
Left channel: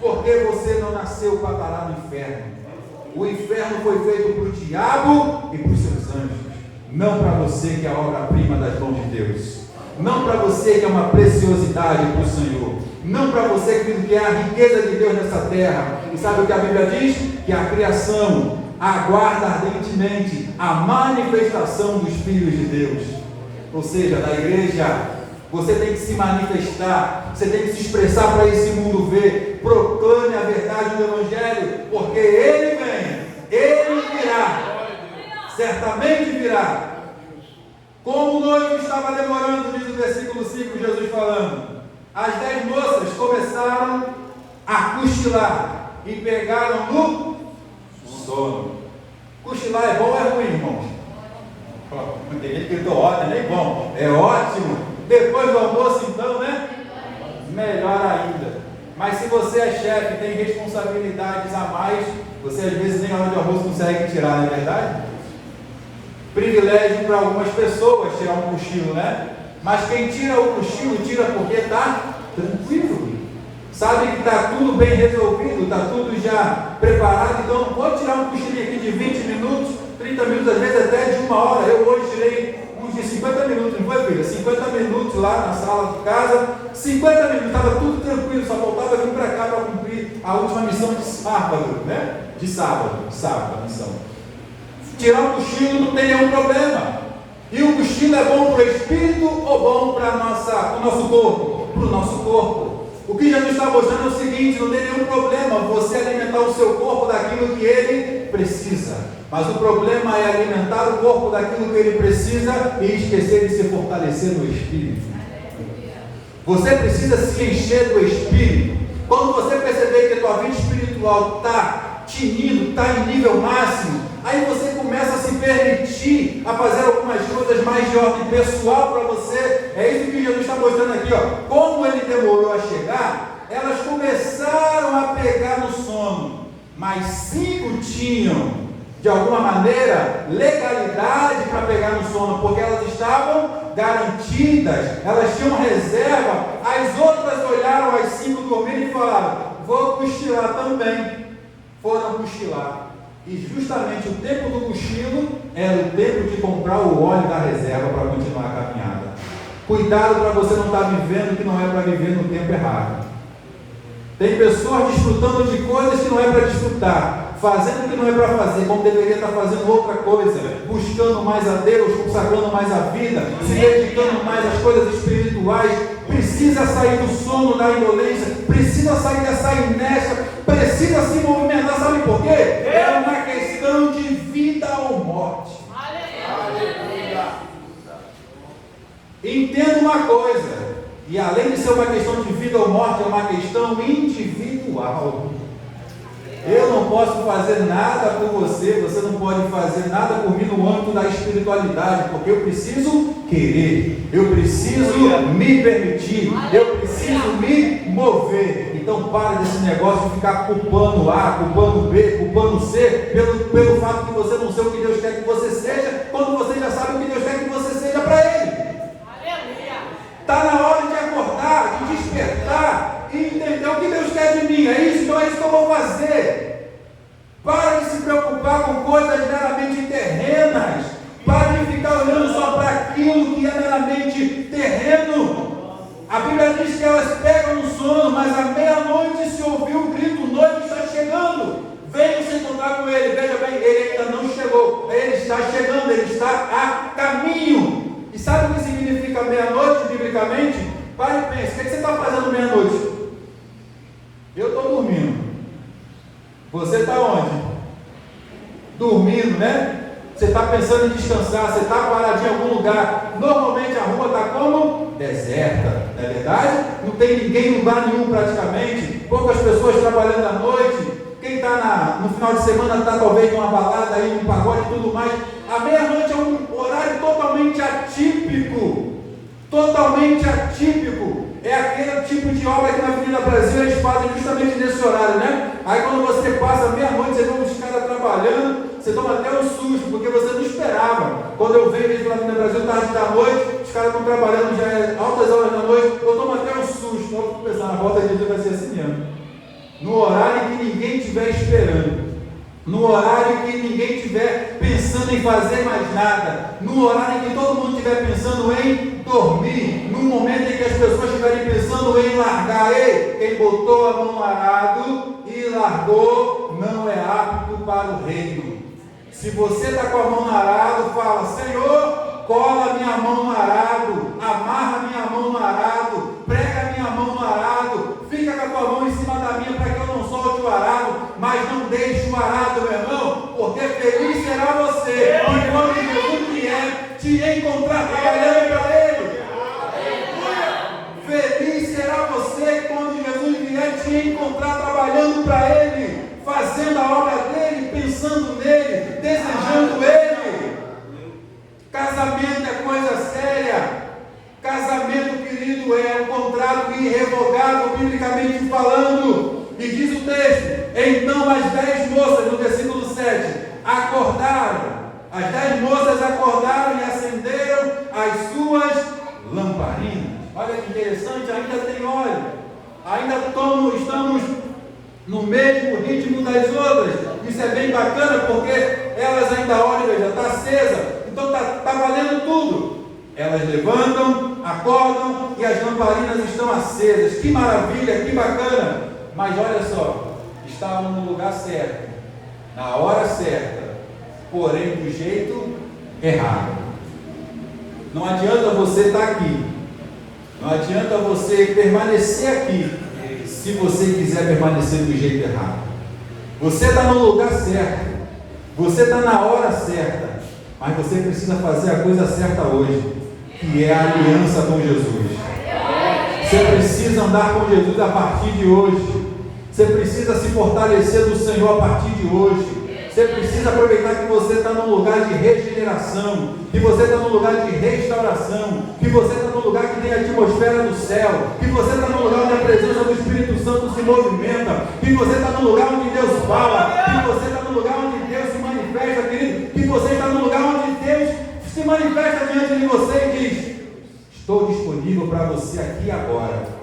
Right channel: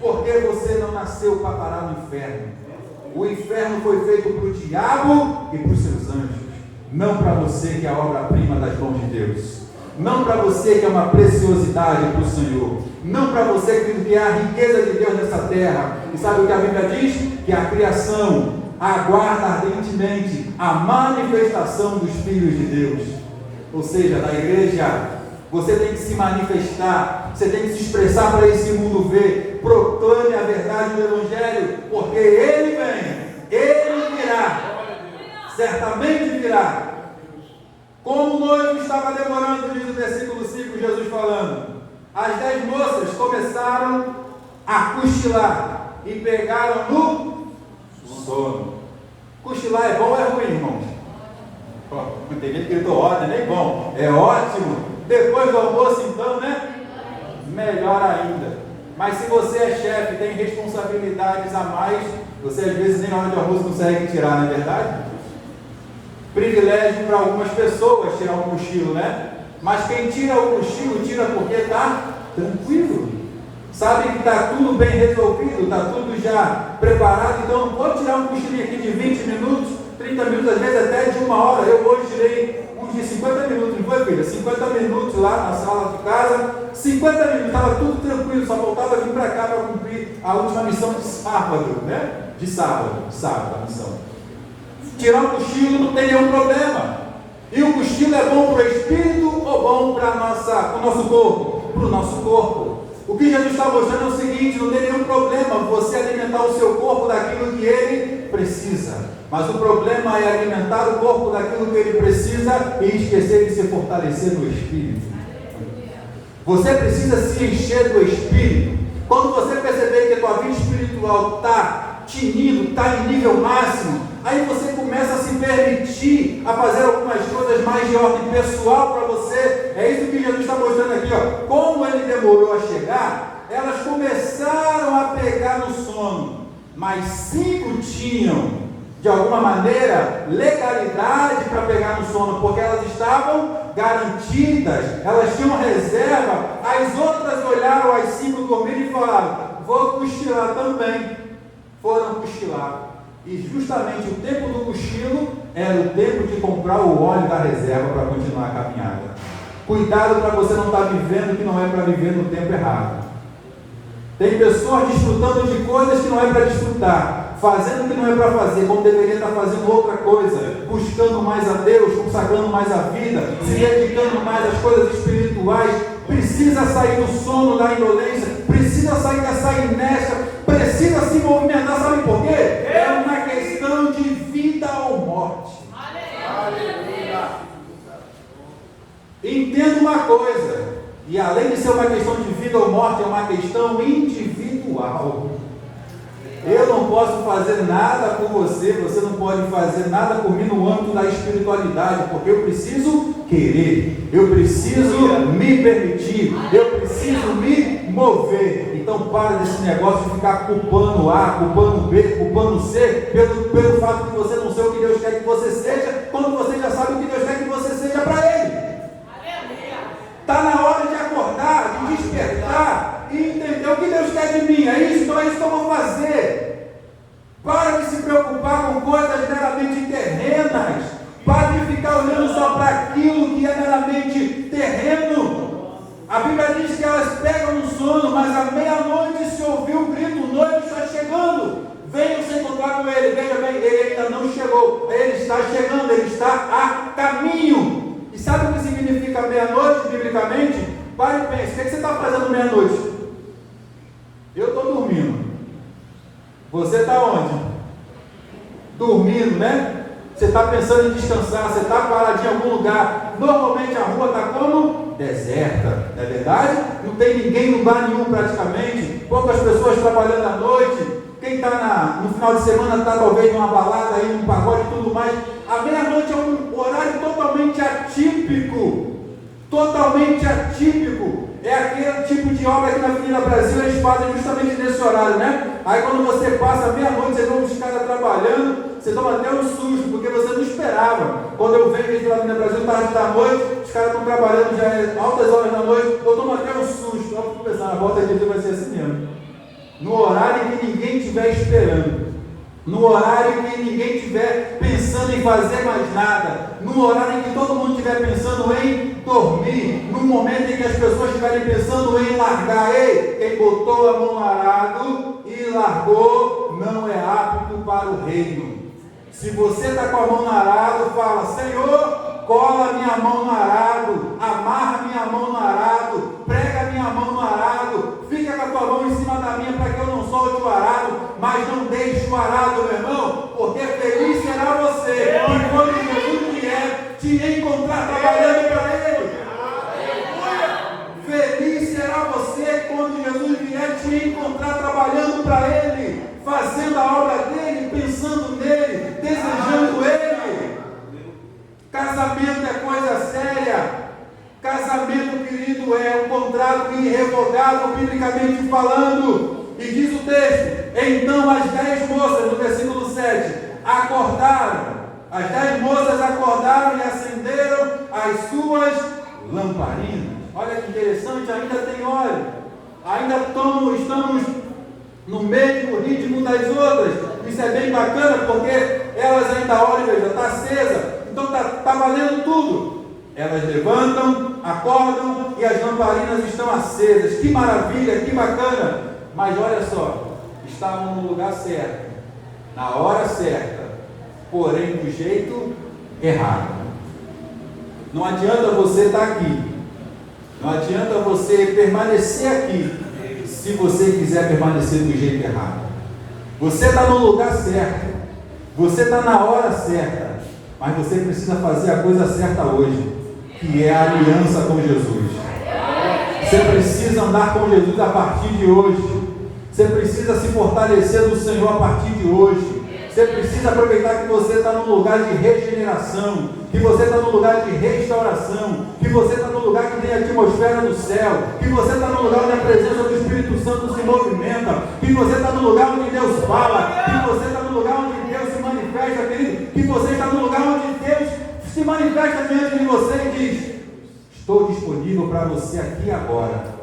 Porque você não nasceu para parar no inferno. O inferno foi feito para o diabo e para os seus anjos, não para você que é a obra-prima das mãos de Deus, não para você que é uma preciosidade para o Senhor, não para você que é a riqueza de Deus nessa terra. E sabe o que a Bíblia diz? Que a criação aguarda ardentemente a manifestação dos filhos de Deus. Ou seja, na igreja, você tem que se manifestar, você tem que se expressar para esse mundo ver. Proclame a verdade do Evangelho, porque Ele vem, Ele virá, certamente virá. Como o noivo estava demorando, diz o versículo 5, Jesus falando, as 10 moças começaram a cochilar e pegaram no sono. Cochilar é bom ou é ruim, irmãos? Tem gente que gritou ordem, nem bom. É ótimo. Depois do almoço, então, né? Melhor ainda. Mas se você é chefe, tem responsabilidades a mais, você às vezes nem a hora de almoço consegue tirar, não é verdade? Privilégio para algumas pessoas tirar um cochilo, né? Mas quem tira o cochilo, tira porque está tranquilo. Sabe que está tudo bem resolvido, está tudo já preparado, então não pode tirar um cochilinho aqui de 20 minutos, 30 minutos, às vezes até de 1 hora. Eu hoje tirei uns de 50 minutos, não foi, filha? 50 minutos lá na sala de casa, 50 minutos, estava tudo tranquilo, só voltava vir para cá para cumprir a última missão de sábado, né? De sábado, a missão. Tirar um cochilo não tem nenhum problema. E o cochilo é bom para o espírito ou bom para o nosso corpo? Para o nosso corpo. O que Jesus está mostrando é o seguinte: não tem nenhum problema você alimentar o seu corpo daquilo que ele precisa. Mas o problema é alimentar o corpo daquilo que ele precisa e esquecer de se fortalecer no espírito. Você precisa se encher do espírito. Quando você perceber que a tua vida espiritual está tinindo, está em nível máximo, aí você começa a se permitir a fazer algumas coisas mais de ordem pessoal para você. É isso que Jesus está mostrando aqui, ó. Como ele demorou a chegar, elas começaram a pegar no sono, mas 5 tinham, de alguma maneira, legalidade para pegar no sono, porque elas estavam garantidas, elas tinham reserva. As outras olharam as 5 dormirem e falaram: vou cochilar também. Foram cochilar. E justamente o tempo do cochilo era o tempo de comprar o óleo da reserva para continuar a caminhada. Cuidado para você não estar vivendo que não é para viver no tempo errado. Tem pessoas desfrutando de coisas que não é para desfrutar, fazendo o que não é para fazer, como deveria estar fazendo outra coisa, buscando mais a Deus, consagrando mais a vida, se dedicando mais às coisas espirituais. Precisa sair do sono, da indolência, precisa sair dessa inércia, precisa se movimentar. Sabe por quê? É uma questão de vida ou morte. Aleluia. Entenda uma coisa, e além de ser uma questão de vida ou morte, é uma questão individual. Eu não posso fazer nada por você, você não pode fazer nada por mim no âmbito da espiritualidade, porque eu preciso querer, eu preciso me permitir, eu preciso me mover. Então para desse negócio de ficar culpando A, culpando B, culpando C, pelo fato de você não ser o que Deus quer que você seja, quando você já sabe o que Deus quer que você seja para Ele. Está na hora de acordar, de despertar e entender o que Deus quer de mim. É isso, então é isso que eu vou fazer. Para de se preocupar com coisas meramente terrenas. Para de ficar olhando só para aquilo que é meramente terreno. A Bíblia diz que elas pegam no sono, mas à meia-noite se ouviu o grito: o noivo está chegando. Venham se encontrar com ele. Veja bem, ele ainda não chegou. Ele está chegando, ele está a caminho. E sabe o que significa meia-noite, biblicamente? Pare e pense: o que você está fazendo meia-noite? Eu estou dormindo. Você está onde? Dormindo, né? Você está pensando em descansar, você está paradinho em algum lugar. Normalmente a rua está como? Deserta, não é verdade? Não tem ninguém em lugar nenhum praticamente. Poucas pessoas trabalhando à noite. Quem está no final de semana está talvez numa balada, aí, num pagode e tudo mais. A meia-noite é um horário totalmente atípico. Totalmente atípico. É aquele tipo de obra que na Avenida Brasil eles fazem justamente nesse horário, né? Aí quando você passa meia-noite, você vê os caras trabalhando, você toma até um susto, porque você não esperava. Quando eu vejo eles pela Avenida Brasil, tarde da noite, os caras estão trabalhando já é altas horas da noite, eu tomo até um susto. Eu vou pensar, na volta de dia vai ser assim mesmo. No horário em que ninguém estiver esperando. No horário em que ninguém estiver pensando em fazer mais nada, no horário em que todo mundo estiver pensando em dormir, no momento em que as pessoas estiverem pensando em largar. Ei, quem botou a mão no arado e largou não é apto para o reino. Se você está com a mão no arado, fala: Senhor, cola minha mão no arado, amarra minha mão no arado, prega minha mão no arado, fica com a tua mão em cima da minha para que eu não solte o arado, mas não deixe o arado, meu irmão, porque feliz será você e quando Jesus vier te encontrar trabalhando para Ele. Feliz será você quando Jesus vier te encontrar trabalhando para Ele, fazendo a obra dEle, pensando nele, desejando Ele. diz o texto: então as 10 moças, no versículo 7, acordaram. As 10 moças acordaram e acenderam as suas lamparinas. Olha que interessante, ainda tem óleo. Ainda estamos no mesmo ritmo das outras. Isso é bem bacana, porque elas ainda, olha, já está acesa. Então está valendo tudo. Elas levantam, acordam e as lamparinas estão acesas. Que maravilha, que bacana. Mas olha só, estavam no lugar certo, na hora certa, porém do jeito errado. Não adianta você estar aqui, não adianta você permanecer aqui, se você quiser permanecer do jeito errado. Você está no lugar certo, você está na hora certa, mas você precisa fazer a coisa certa hoje, que é a aliança com Jesus. Você precisa andar com Jesus a partir de hoje. Você precisa se fortalecer no Senhor a partir de hoje. Você precisa aproveitar que você está num lugar de regeneração, que você está num lugar de restauração, que você está num lugar que tem a atmosfera do céu, que você está num lugar onde a presença do Espírito Santo se movimenta, que você está num lugar onde Deus fala, que você está num lugar onde Deus se manifesta, querido, que você está num lugar onde Deus se manifesta diante de você e diz: estou disponível para você aqui agora.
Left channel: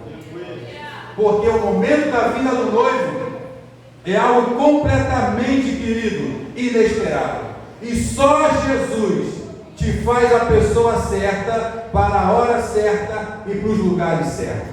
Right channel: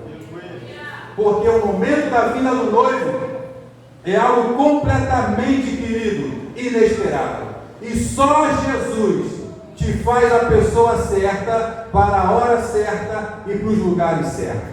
Porque o momento da vinda do noivo é algo completamente, querido, inesperado. E só Jesus te faz a pessoa certa, para a hora certa e para os lugares certos.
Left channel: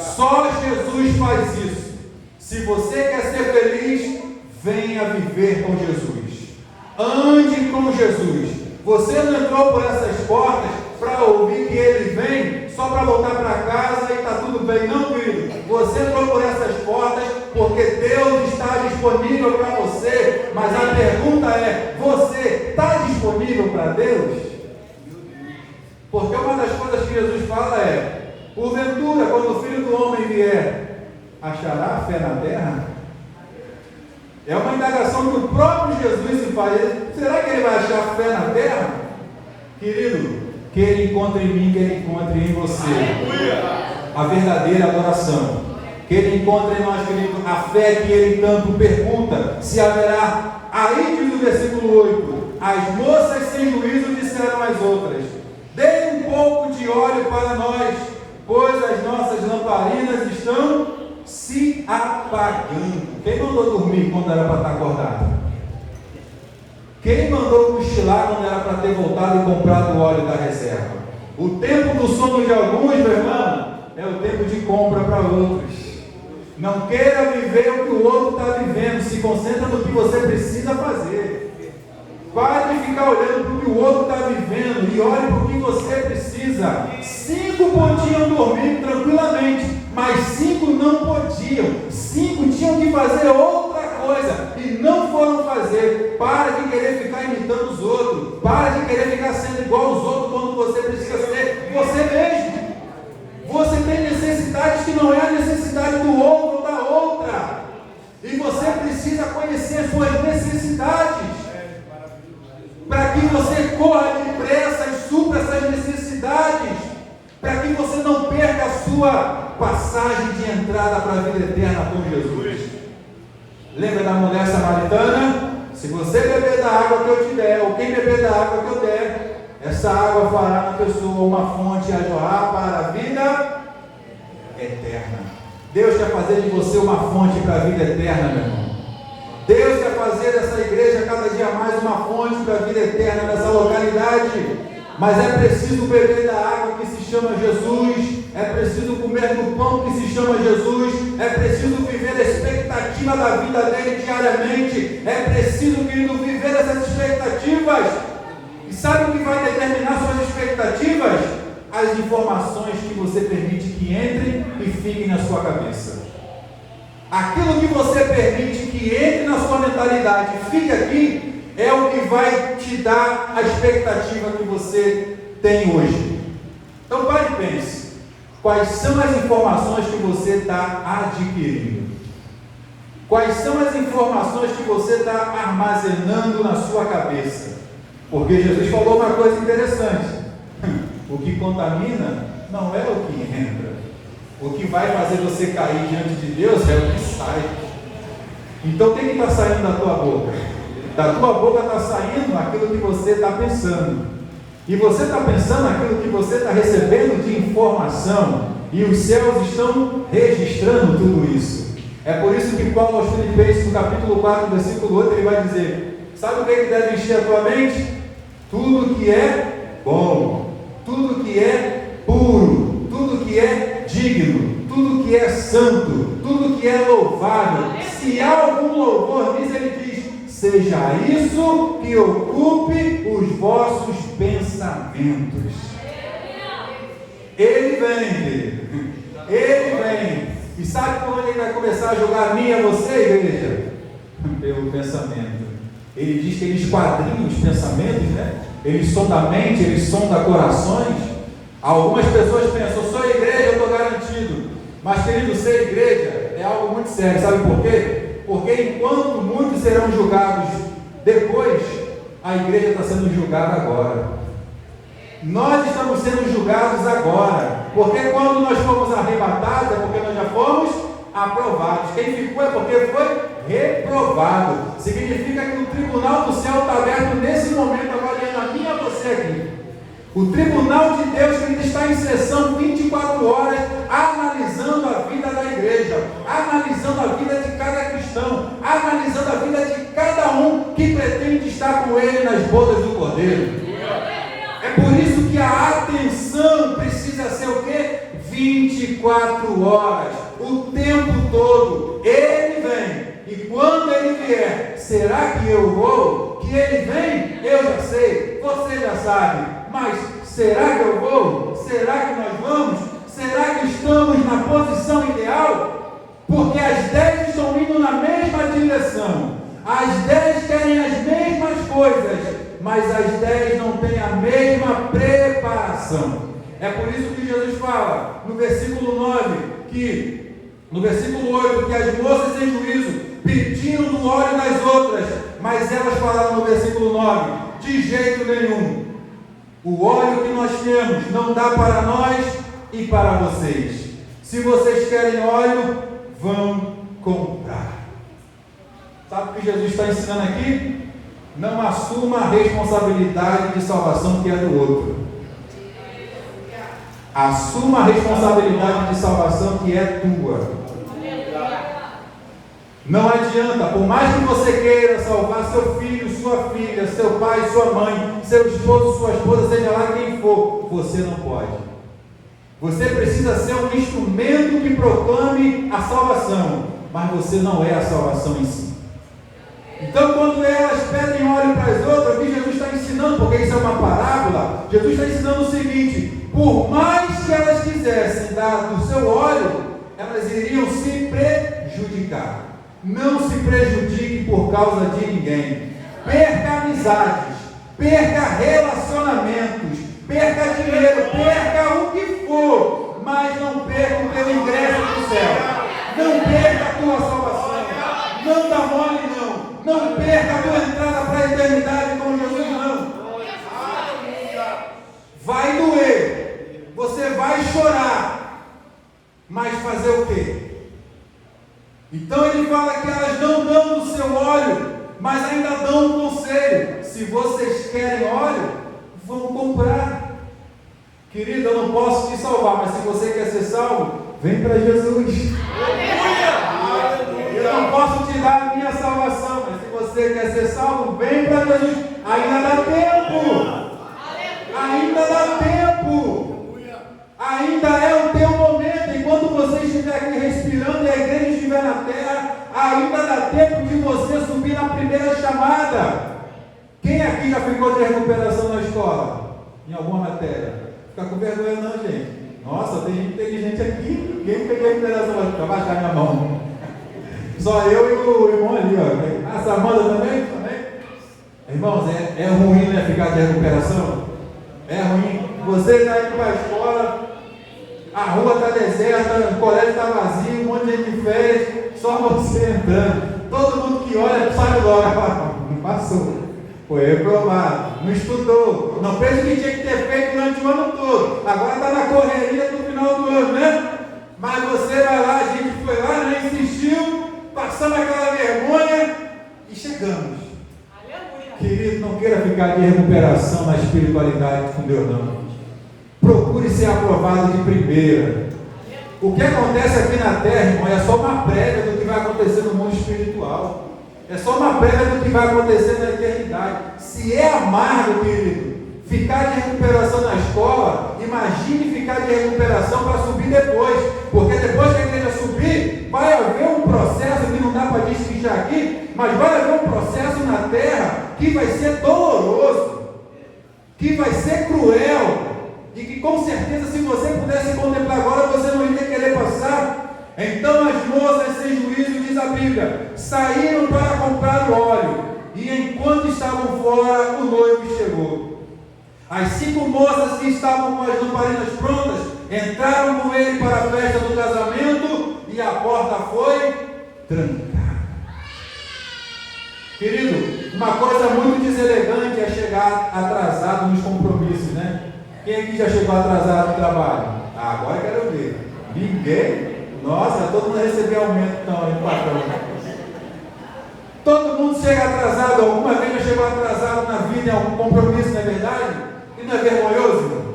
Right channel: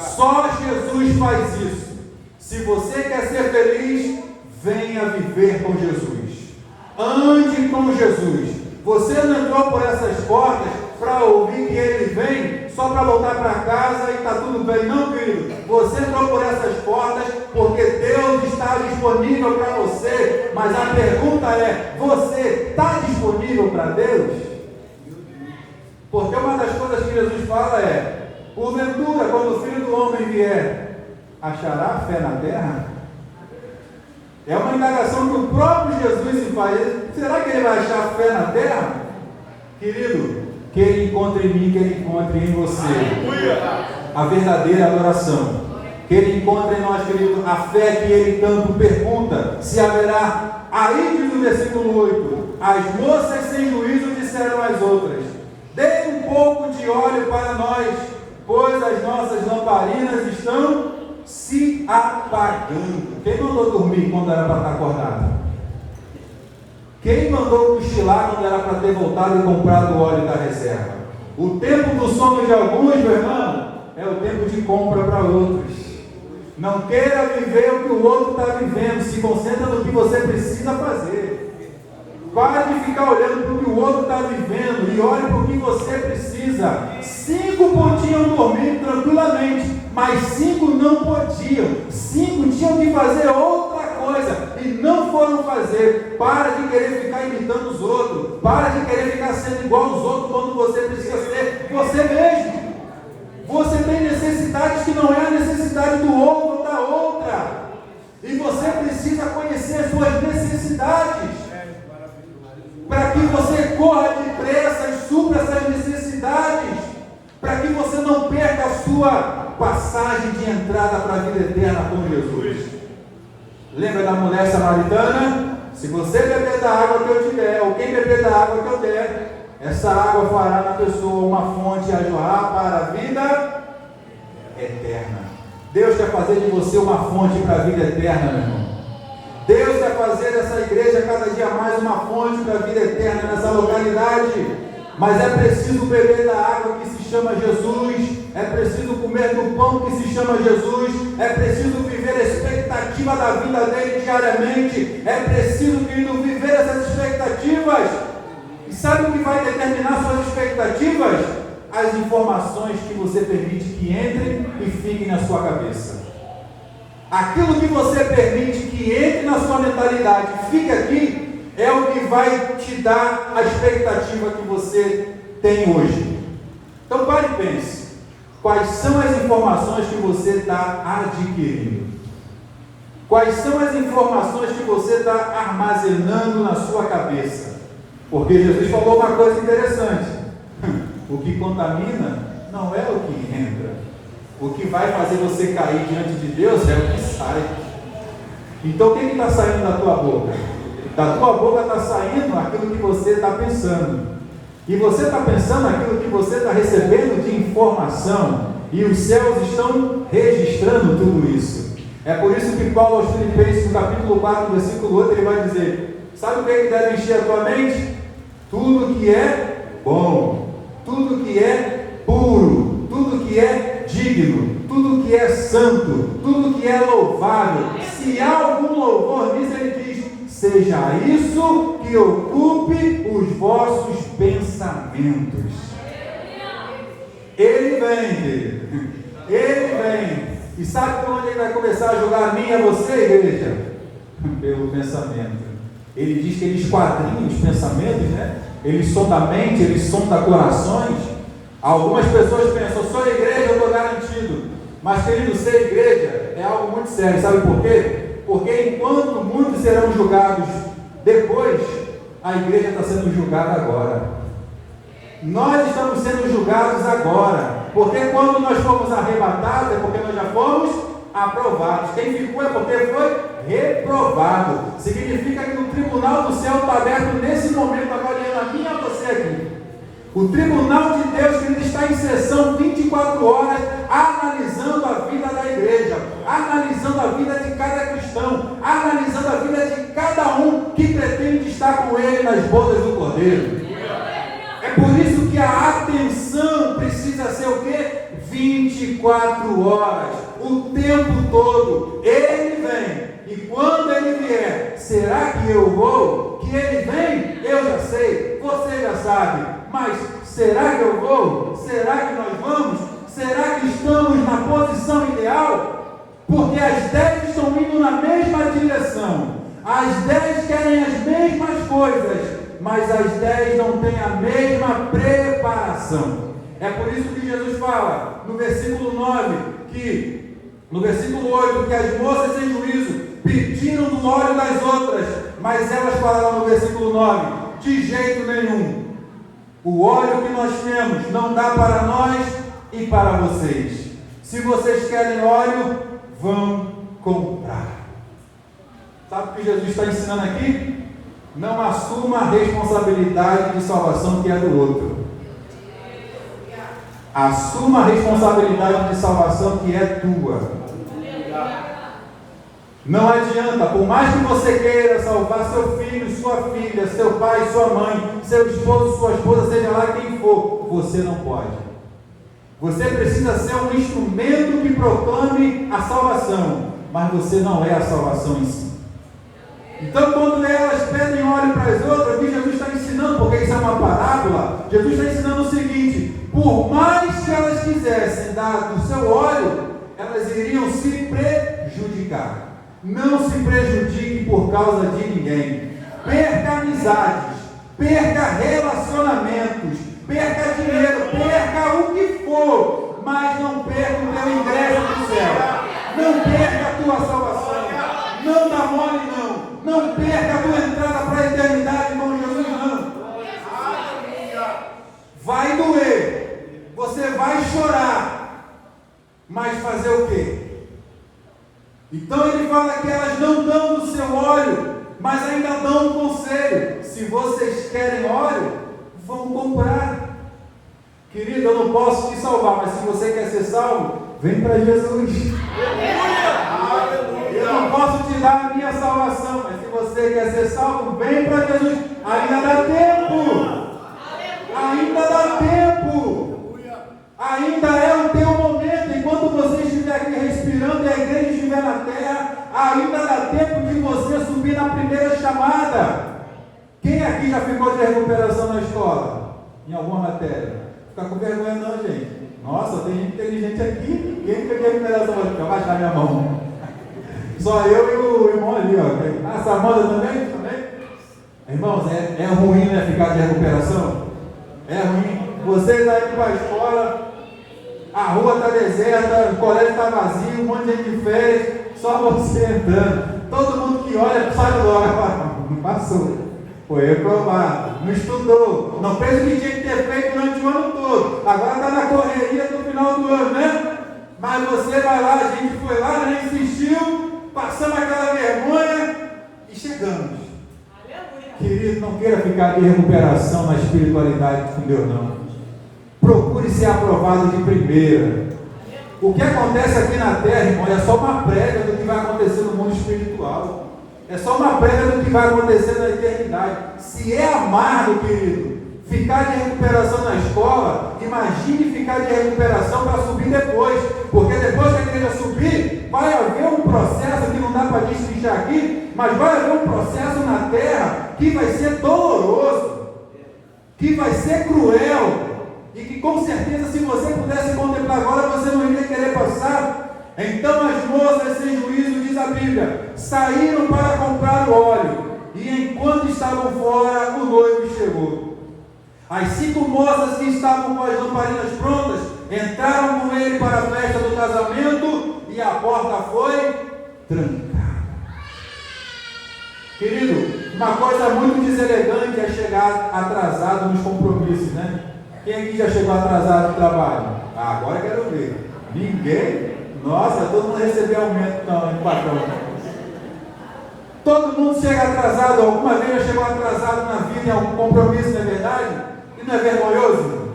Só Jesus faz isso. Se você quer ser feliz, venha viver com Jesus. Ande com Jesus. Você não entrou por essas portas para ouvir que Ele vem só para voltar para casa e está tudo bem. Não, querido. Você entrou por essas portas porque Deus está disponível para você. Mas a pergunta é: você está disponível para Deus? Porque uma das coisas que Jesus fala é: porventura, quando o Filho do Homem vier, achará fé na terra? É uma indagação que o próprio Jesus se faz. Será que Ele vai achar fé na terra? Querido, que Ele encontre em mim, que Ele encontre em você a verdadeira adoração. Que Ele encontre em nós, querido, a fé que Ele tanto pergunta se haverá. Aí diz o versículo 8: as moças sem juízo disseram às outras: dê um pouco de óleo para nós, pois as nossas lamparinas estão se apagando. Quem mandou dormir quando era para estar acordado? Quem mandou cochilar quando era para ter voltado e comprado o óleo da reserva? O tempo do sono de alguns, meu irmão, é o tempo de compra para outros. Não queira viver o que o outro está vivendo. Se concentra no que você precisa fazer. Pare de ficar olhando para o que o outro está vivendo e olhe para o que você precisa. 5 podiam dormir tranquilamente, mas 5 não podiam. 5 tinham que fazer outra coisa e não foram fazer. Para de querer ficar imitando os outros. Para de querer ficar sendo igual aos outros quando você precisa ser você mesmo. Você tem necessidades que não é a necessidade do outro ou da outra. E você precisa conhecer as suas necessidades, para que você corra depressa e supra essas necessidades, para que você não perca a sua passagem de entrada para a vida eterna com Jesus. Lembra da mulher samaritana? Se você beber da água que eu te der, ou quem beber da água que eu der, essa água fará na pessoa uma fonte a jorrar para a vida eterna. Deus quer fazer de você uma fonte para a vida eterna, meu irmão. Deus quer fazer dessa igreja cada dia mais uma fonte para a vida eterna nessa localidade. Mas é preciso beber da água que se chama Jesus, é preciso comer do pão que se chama Jesus, é preciso viver a expectativa da vida dele diariamente, é preciso, querido, viver essas expectativas. E sabe o que vai determinar suas expectativas? As informações que você permite que entrem e fiquem na sua cabeça. Aquilo que você permite que entre na sua mentalidade e fique aqui, é o que vai te dar a expectativa que você tem hoje. Então pare e pense. Quais são as informações que você está adquirindo? Quais são as informações que você está armazenando na sua cabeça? Porque Jesus falou uma coisa interessante: o que contamina não é o que entra. O que vai fazer você cair diante de Deus é o que sai. sai. Então o que está saindo da tua boca? Da tua boca está saindo aquilo que você está pensando. E você está pensando aquilo que você está recebendo de informação. E os céus estão registrando tudo isso. É por isso que Paulo aos Filipenses, no capítulo 4, versículo 8, ele vai dizer: sabe o que deve encher a tua mente? Tudo que é bom, tudo que é puro, tudo que é digno, tudo que é santo, tudo que é louvável. Se há algum louvor nisso, ele diz: seja isso que ocupe os vossos pensamentos. Ele vem, ele vem. E sabe por onde ele vai começar a julgar a mim e a você, igreja? Pelo pensamento. Ele diz que ele esquadrinha os pensamentos, né? Ele sonda a mente, ele sonda corações. Algumas pessoas pensam: sou a igreja, eu estou garantido. Mas, querido, ser igreja é algo muito sério. Sabe por quê? Porque enquanto muitos serão julgados depois, a igreja está sendo julgada agora. Nós estamos sendo julgados agora. Porque quando nós fomos arrebatados, é porque nós já fomos aprovados. Quem ficou é porque foi reprovado. Significa que o tribunal do céu está aberto nesse momento, avaliando a mim e a você aqui. O tribunal de Deus, que está em sessão 24 horas, analisando a vida da igreja, analisando a vida de cada cristão, analisando a vida de cada um que pretende estar com ele nas bodas do Cordeiro. É por isso que a atenção precisa ser o quê? 24 horas, o tempo todo. Ele vem. E quando ele vier, será que eu vou? Que ele vem? Eu já sei, você já sabe. Mas será que eu vou? Será que nós vamos? Será que estamos na posição ideal? Porque as 10 estão indo na mesma direção. As 10 querem as mesmas coisas, mas as 10 não têm a mesma preparação. É por isso que Jesus fala no versículo 9, no versículo 8, que as moças em juízo pediram do óleo das outras, mas elas falaram no versículo 9: de jeito nenhum, o óleo que nós temos não dá para nós e para vocês. Se vocês querem óleo, vão comprar. Sabe o que Jesus está ensinando aqui? Não assuma a responsabilidade de salvação que é do outro. Assuma a responsabilidade de salvação que é tua. Não adianta, por mais que você queira salvar seu filho, sua filha, seu pai, sua mãe, seu esposo, sua esposa, seja lá quem for, você não pode. Você precisa ser um instrumento que proclame a salvação, mas você não é a salvação em si. Então, quando elas pedem óleo para as outras, o que Jesus está ensinando, porque isso é uma parábola, Jesus está ensinando o seguinte: por mais que elas quisessem dar do seu óleo, elas iriam se prejudicar. Não se prejudique por causa de ninguém. Perca amizades, perca relacionamentos, perca dinheiro, perca o que for, mas não perca o teu ingresso no céu. Não perca a tua salvação. Não dá mole, não. Não perca a tua entrada para a eternidade como Jesus, não. Vai doer, você vai chorar, mas fazer o quê? Então ele fala que elas não dão do seu óleo, mas ainda dão um conselho: se vocês querem óleo, vão comprar. Querido, eu não posso te salvar, mas se você quer ser salvo, vem para Jesus. Eu não posso te dar a minha salvação, mas se você quer ser salvo, vem para Jesus. Ainda dá tempo. Ainda dá tempo. Ainda é o teu momento. Enquanto você estiver aqui respirando e a igreja estiver na terra, ainda dá tempo de você subir na primeira chamada. Quem aqui já ficou de recuperação na escola? Em alguma matéria? Fica com vergonha não, gente. Nossa, tem gente inteligente aqui. Quem ficou de recuperação? Deixa eu baixar minha mão. Só eu e o irmão ali, ó. Essa Amanda também? Irmãos, é ruim, né, ficar de recuperação? É ruim. Você está indo para a escola, a rua está deserta, o colégio está vazio, um monte de gente de férias, só você entrando. Todo mundo que olha sabe logo, não passou, foi reprovado, não estudou, não fez o que tinha que ter feito durante o ano todo, agora está na correria do final do ano, né? Mas você vai lá, a gente foi lá, né, insistiu, passamos aquela vergonha e chegamos. Aleluia. Querido, não queira ficar de recuperação na espiritualidade com Deus, não. Procure ser aprovado de primeira. O que acontece aqui na terra, irmão, é só uma prévia do que vai acontecer no mundo espiritual. É só uma prévia do que vai acontecer na eternidade. Se é amargo, querido, ficar de recuperação na escola, imagine ficar de recuperação para subir depois. Porque depois que a igreja subir, vai haver um processo que não dá para destrinchar aqui, mas vai haver um processo na terra que vai ser doloroso, que vai ser cruel, e que com certeza, se você pudesse contemplar agora, você não iria querer passar. Então as moças sem juízo, diz a Bíblia, saíram para comprar o óleo, e enquanto estavam fora, o noivo chegou. As 5 moças que estavam com as lamparinas prontas entraram com ele para a festa do casamento, e a porta foi trancada. Querido, uma coisa muito deselegante é chegar atrasado nos compromissos, né? Quem aqui já chegou atrasado no trabalho? Agora quero ver. Ninguém? Nossa, todo mundo recebeu aumento no patrão. Todo mundo chega atrasado, alguma vez já chegou atrasado na vida, é um compromisso, não é verdade? E não é vergonhoso?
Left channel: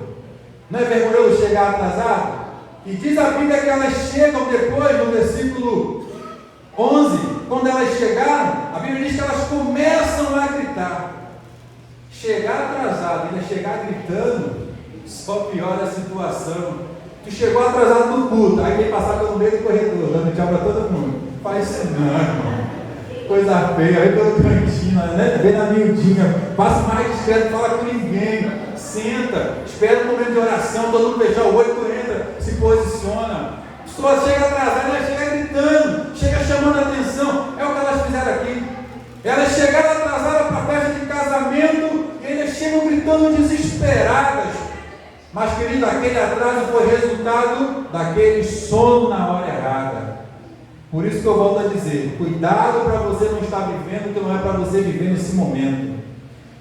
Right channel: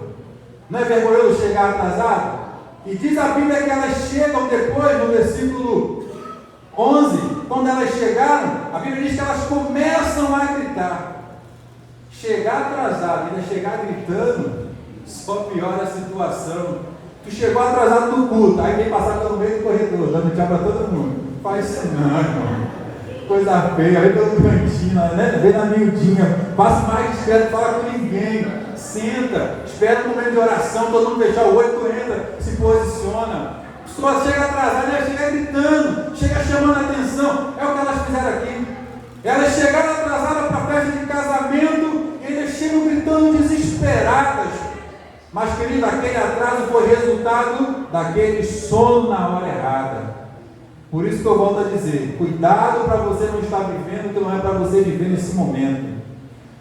Não é vergonhoso chegar atrasado? E diz a Bíblia que elas chegam depois, no versículo 11, quando elas chegaram, a Bíblia diz que elas começam a gritar. Chegar atrasado, ainda chegar gritando, só piora a situação. Tu chegou atrasado no culto, aí vem passar pelo meio do corredor, dando tchau para todo mundo. Faz isso não, irmão. Coisa feia, aí deu um cantinho, né? Vem na miudinha, passa mais discreto, não fala com ninguém, senta, espera um momento de oração, todo mundo fechar o olho, tu entra, se posiciona. A pessoa chega atrasada, ela chega gritando, chega chamando a atenção. É o que elas fizeram aqui. Elas chegaram atrasadas para a festa de casamento e elas chegam gritando desesperadas. Mas, querido, aquele atraso foi resultado daquele sono na hora errada. Por isso que eu volto a dizer, cuidado para você não estar vivendo o que não é para você viver nesse momento.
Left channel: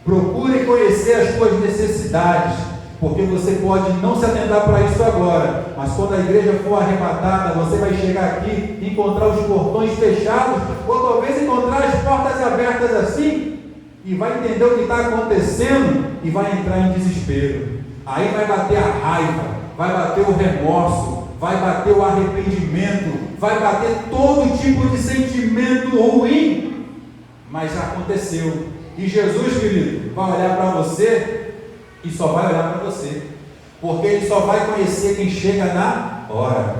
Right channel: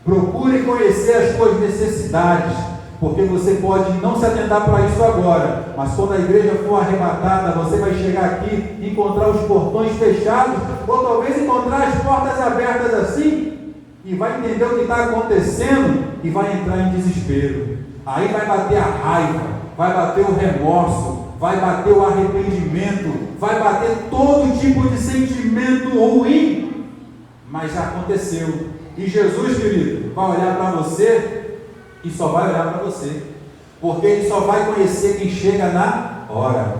Procure conhecer as suas necessidades, porque você pode não se atentar para isso agora, mas quando a igreja for arrebatada, você vai chegar aqui e encontrar os portões fechados, ou talvez encontrar as portas abertas assim, e vai entender o que está acontecendo e vai entrar em desespero. Aí vai bater a raiva, vai bater o remorso, vai bater o arrependimento, vai bater todo tipo de sentimento ruim, mas já aconteceu. E Jesus, querido, vai olhar para você e só vai olhar para você, porque Ele só vai conhecer quem chega na hora.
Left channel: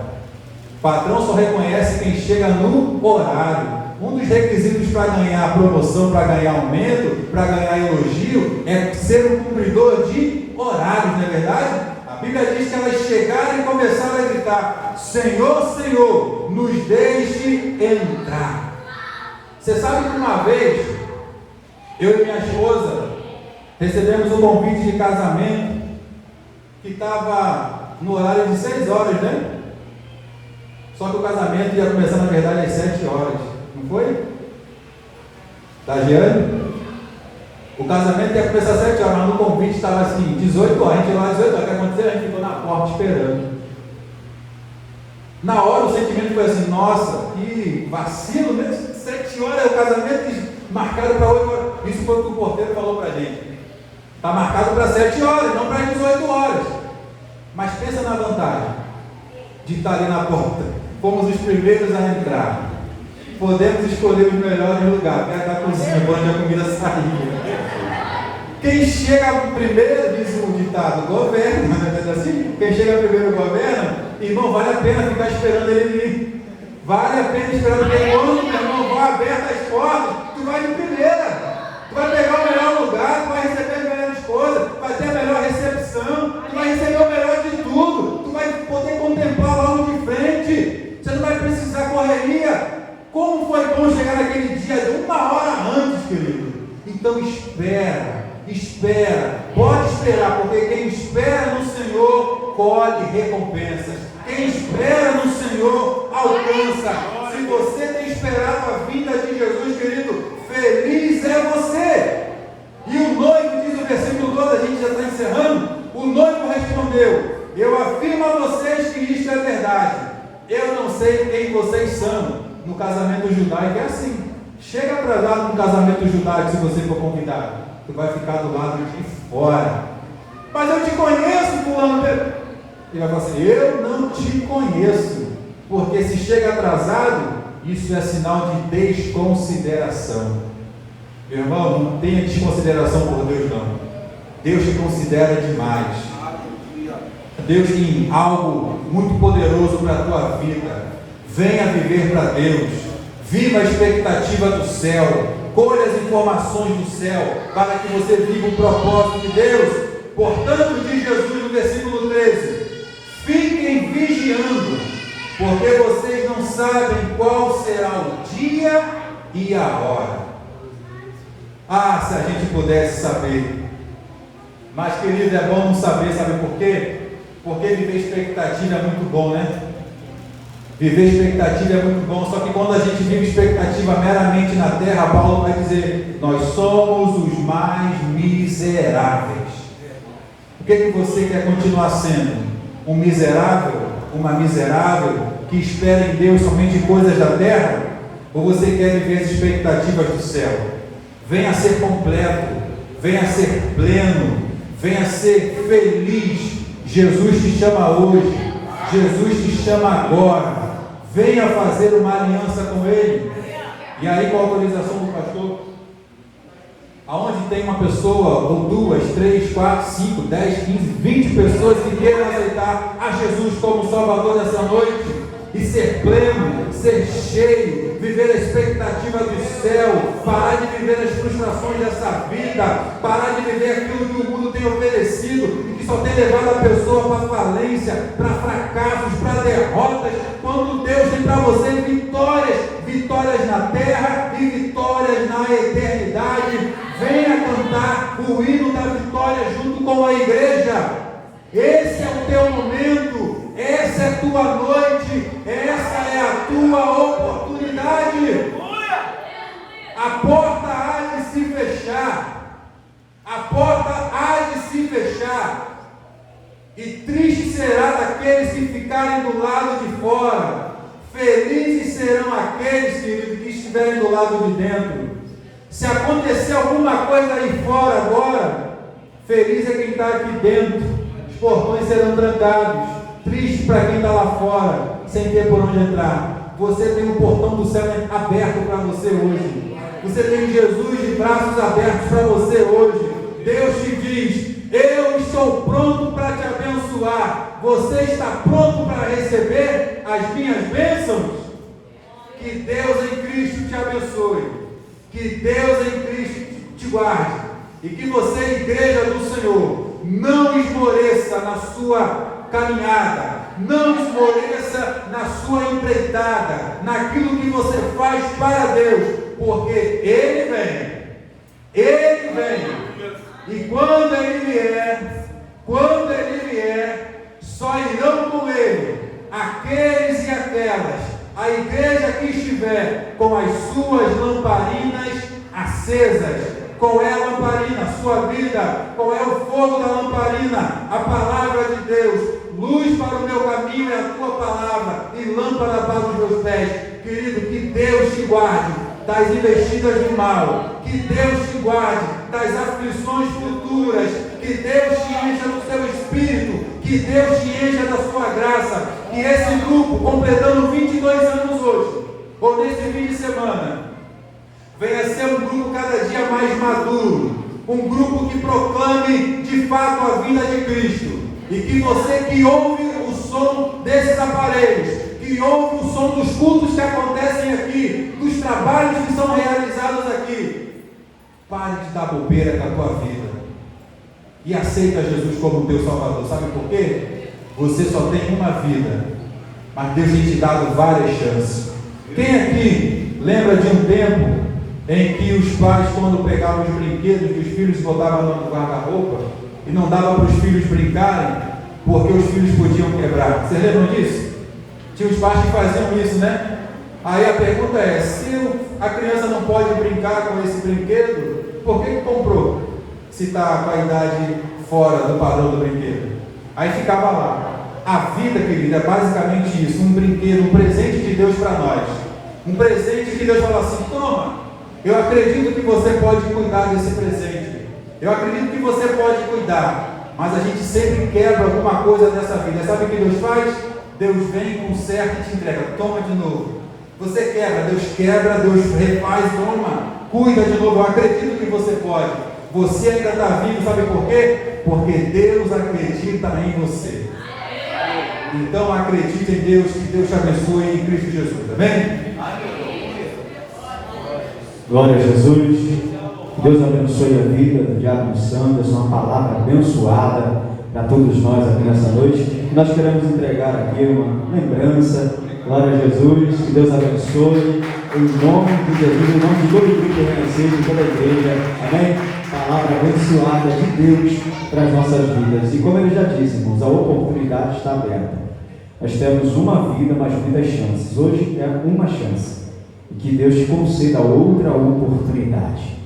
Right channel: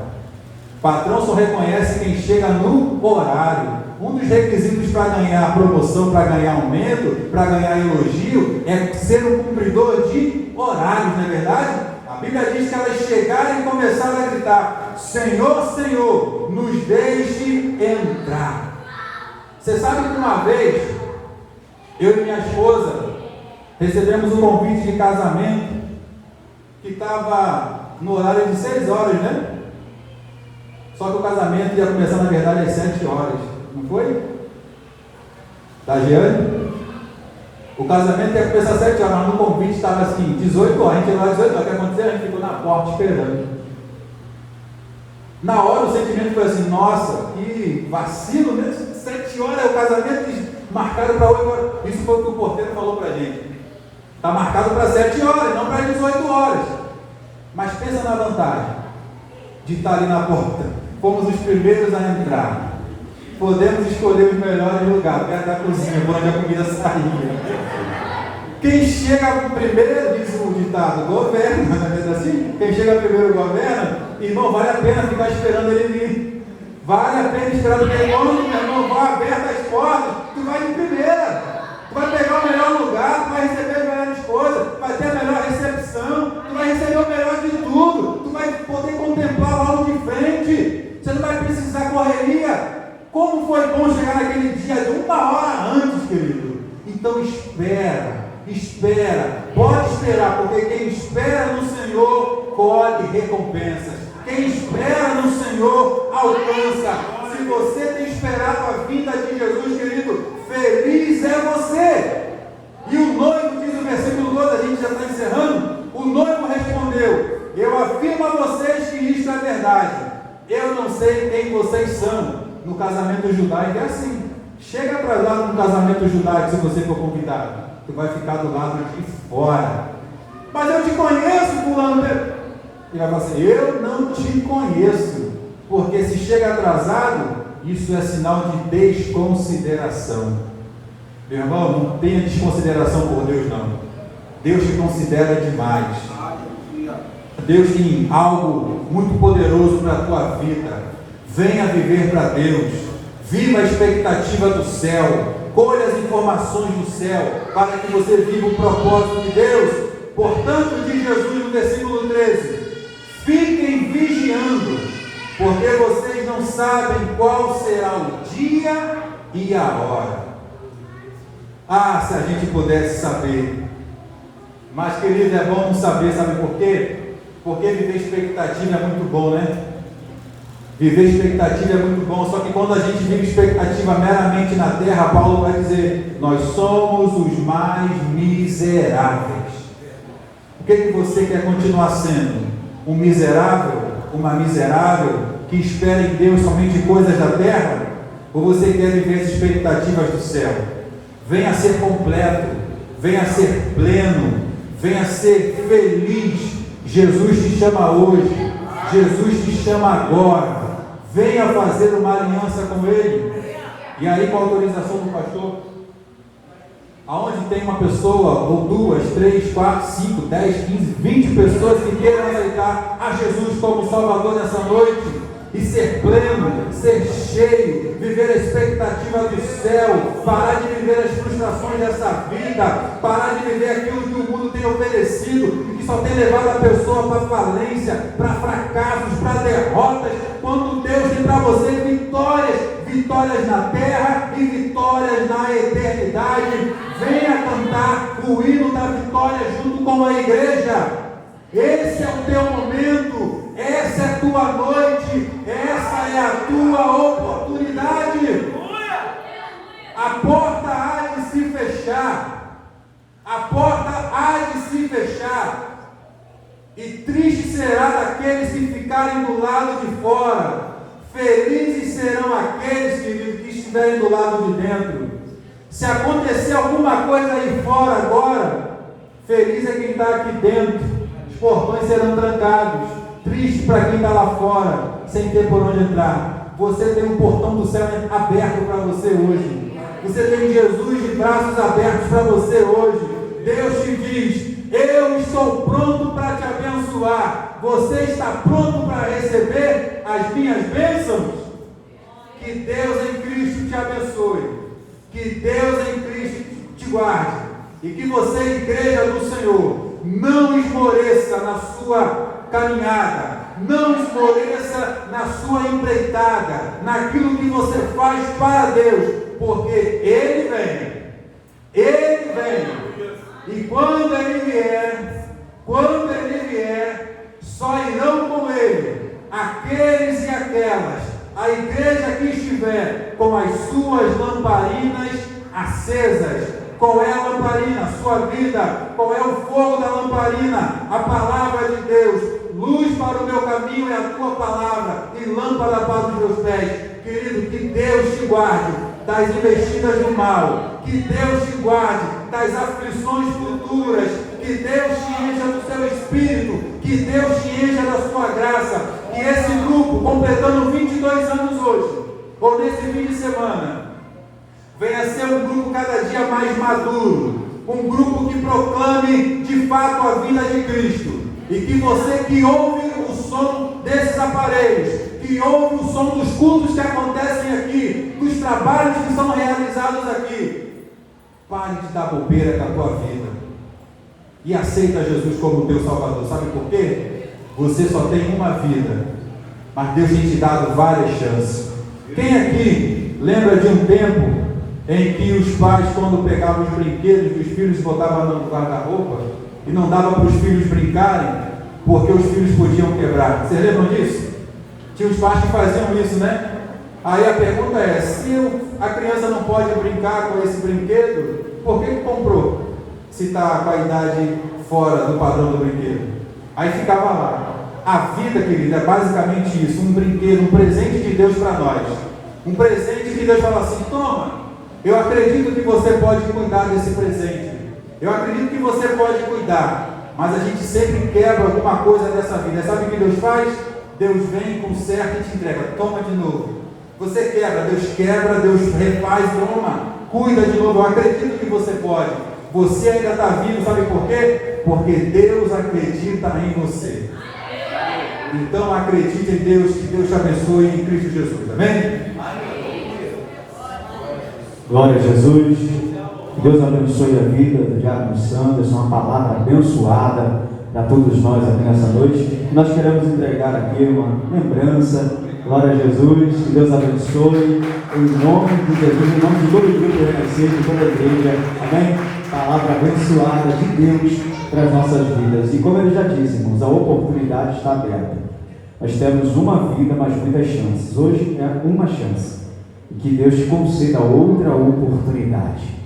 O patrão só reconhece quem chega no horário. Um dos requisitos para ganhar promoção, para ganhar aumento, para ganhar elogio, é ser um cumpridor de horários, não é verdade? A Bíblia diz que elas chegaram e começaram a gritar: Senhor, Senhor, nos deixe entrar. Você sabe que uma vez, eu e minha esposa recebemos um convite de casamento que estava no horário de 6 horas, né? Só que o casamento ia começar, na verdade, às 7 horas. Não foi? Tá, Giane? O casamento ia começar às 7 horas, mas no convite estava assim, 18 horas. A gente ia lá às 18 horas. O que aconteceu? A gente ficou na porta esperando. Na hora o sentimento foi assim: nossa, que vacilo, né? 7 horas é o casamento marcado para 8 horas. Isso foi o que o porteiro falou para a gente. Está marcado para 7 horas, não para 18 horas. Mas pensa na vantagem de estar ali na porta. Fomos os primeiros a entrar. Podemos escolher os melhores lugares, perto da cozinha, onde a comida saía. Quem chega primeiro, diz o ditado, governa, não é assim? Quem chega primeiro governa, irmão, vale a pena ficar esperando ele vir. Vale a pena esperar o meu irmão, vai aberto as portas, tu vai de primeira. Tu vai pegar o melhor lugar, tu vai receber as melhores coisas, vai ter a melhor recepção, tu vai receber o melhor de tudo, tu vai poder contemplar logo de frente, você não vai precisar correria. Como foi bom chegar naquele dia de 1 hora antes, querido? Então espera, pode esperar, porque quem espera no Senhor colhe recompensas. Quem espera no Senhor alcança. Se você tem esperado a vinda de Jesus, querido, feliz é você. E o noivo, diz o versículo 12, a gente já está encerrando. O noivo respondeu: eu afirmo a vocês que isto é verdade. Eu não sei quem vocês são. No casamento casamento judaico é assim. Chega atrasado no casamento judaico se você for convidado. Tu vai ficar do lado de fora. Mas eu te conheço, fulano. Ele vai falar assim, eu não te conheço. Porque se chega atrasado, isso é sinal de desconsideração. Meu irmão, não tenha desconsideração por Deus não. Deus te considera demais. Deus tem algo muito poderoso para a tua vida. Venha viver para Deus. Viva a expectativa do céu. Colhe as informações do céu para que você viva o propósito de Deus. Portanto, diz Jesus no versículo 13: fiquem vigiando, porque vocês não sabem qual será o dia e a hora. Ah, se a gente pudesse saber. Mas, querido, é bom não saber, sabe por quê? Porque viver expectativa é muito bom, né? Viver expectativa é muito bom, só que quando a gente vive expectativa meramente na terra, Paulo vai dizer, nós somos os mais miseráveis. O que você quer continuar sendo? Um miserável? Uma miserável que espera em Deus somente coisas da terra? Ou você quer viver as expectativas do céu? Venha ser completo, venha ser pleno, venha ser feliz. Jesus te chama hoje, Jesus te chama agora. Venha fazer uma aliança com Ele. E aí, com a autorização do pastor, aonde tem uma pessoa, ou 2, 3, 4, 5, 10, 15, 20 pessoas que queiram aceitar a Jesus como Salvador nessa noite, e ser pleno, ser cheio, viver a expectativa do céu, parar de viver as frustrações dessa vida, parar de viver aquilo que o mundo tem oferecido, que só tem levado a pessoa para falência, para fracassos, para derrotas, quando Deus tem para você vitórias, vitórias na terra e vitórias na eternidade. Venha cantar o hino da vitória junto com a igreja. Esse é o teu momento, essa é a tua noite, essa é a tua oportunidade. A porta há de se fechar, a porta há de se fechar, e triste será daqueles que ficarem do lado de fora, felizes serão aqueles que estiverem do lado de dentro. Se acontecer alguma coisa aí fora agora, feliz é quem está aqui dentro. Os portões serão trancados. Triste para quem está lá fora, sem ter por onde entrar. Você tem um portão do céu aberto para você hoje. Você tem Jesus de braços abertos para você hoje. Deus te diz, eu estou pronto para te abençoar. Você está pronto para receber as minhas bênçãos? Que Deus em Cristo te abençoe. Que Deus em Cristo te guarde. E que você, igreja do Senhor, não esmoreça na sua caminhada, não esmoreça na sua empreitada, naquilo que você faz para Deus, porque Ele vem, e quando Ele vier, só irão com Ele aqueles e aquelas, a igreja que estiver com as suas lamparinas acesas. Qual é a lamparina? A sua vida. Qual é o fogo da lamparina? A palavra de Deus. Luz para o meu caminho é a tua palavra e lâmpada para os meus pés. Querido, que Deus te guarde das investidas do mal. Que Deus te guarde das aflições futuras. Que Deus te encha do seu espírito. Que Deus te encha da sua graça. Que esse grupo, completando 22 anos hoje, ou nesse fim de semana, venha ser um grupo cada dia mais maduro, um grupo que proclame de fato a vida de Cristo, e que você que ouve o som desses aparelhos, que ouve o som dos cultos que acontecem aqui, dos trabalhos que são realizados aqui, pare de dar bobeira na tua vida e aceita Jesus como teu Salvador. Sabe por quê? Você só tem uma vida, mas Deus tem te dado várias chances. Quem aqui lembra de um tempo em que os pais, quando pegavam os brinquedos dos filhos, botavam no guarda-roupa e não dava para os filhos brincarem, porque os filhos podiam quebrar? Vocês lembram disso? Tinha os pais que faziam isso, né? Aí a pergunta é, se a criança não pode brincar com esse brinquedo, por que comprou? Se está com a idade fora do padrão do brinquedo. Aí ficava lá. A vida, querida, é basicamente isso, um brinquedo, um presente de Deus para nós. Um presente que Deus fala assim: toma, eu acredito que você pode cuidar desse presente. Eu acredito que você pode cuidar. Mas a gente sempre quebra alguma coisa dessa vida. Sabe o que Deus faz? Deus vem, conserta e te entrega. Toma de novo. Você quebra, Deus refaz, toma, cuida de novo. Eu acredito que você pode. Você ainda está vivo, sabe por quê? Porque Deus acredita em você. Então acredite em Deus, que Deus te abençoe em Cristo Jesus. Amém? Glória a Jesus. Deus abençoe a vida do diácono Sanderson, uma palavra abençoada para todos nós aqui nessa noite. Nós queremos entregar aqui uma lembrança. Glória a Jesus, que Deus abençoe em nome de Jesus, em nome de todo o grupo reconhecido, de toda a igreja. Amém? Palavra abençoada de Deus para as nossas vidas. E como ele já disse, irmãos, a oportunidade está aberta. Nós temos uma vida, mas muitas chances. Hoje é uma chance. E que Deus te conceda outra oportunidade.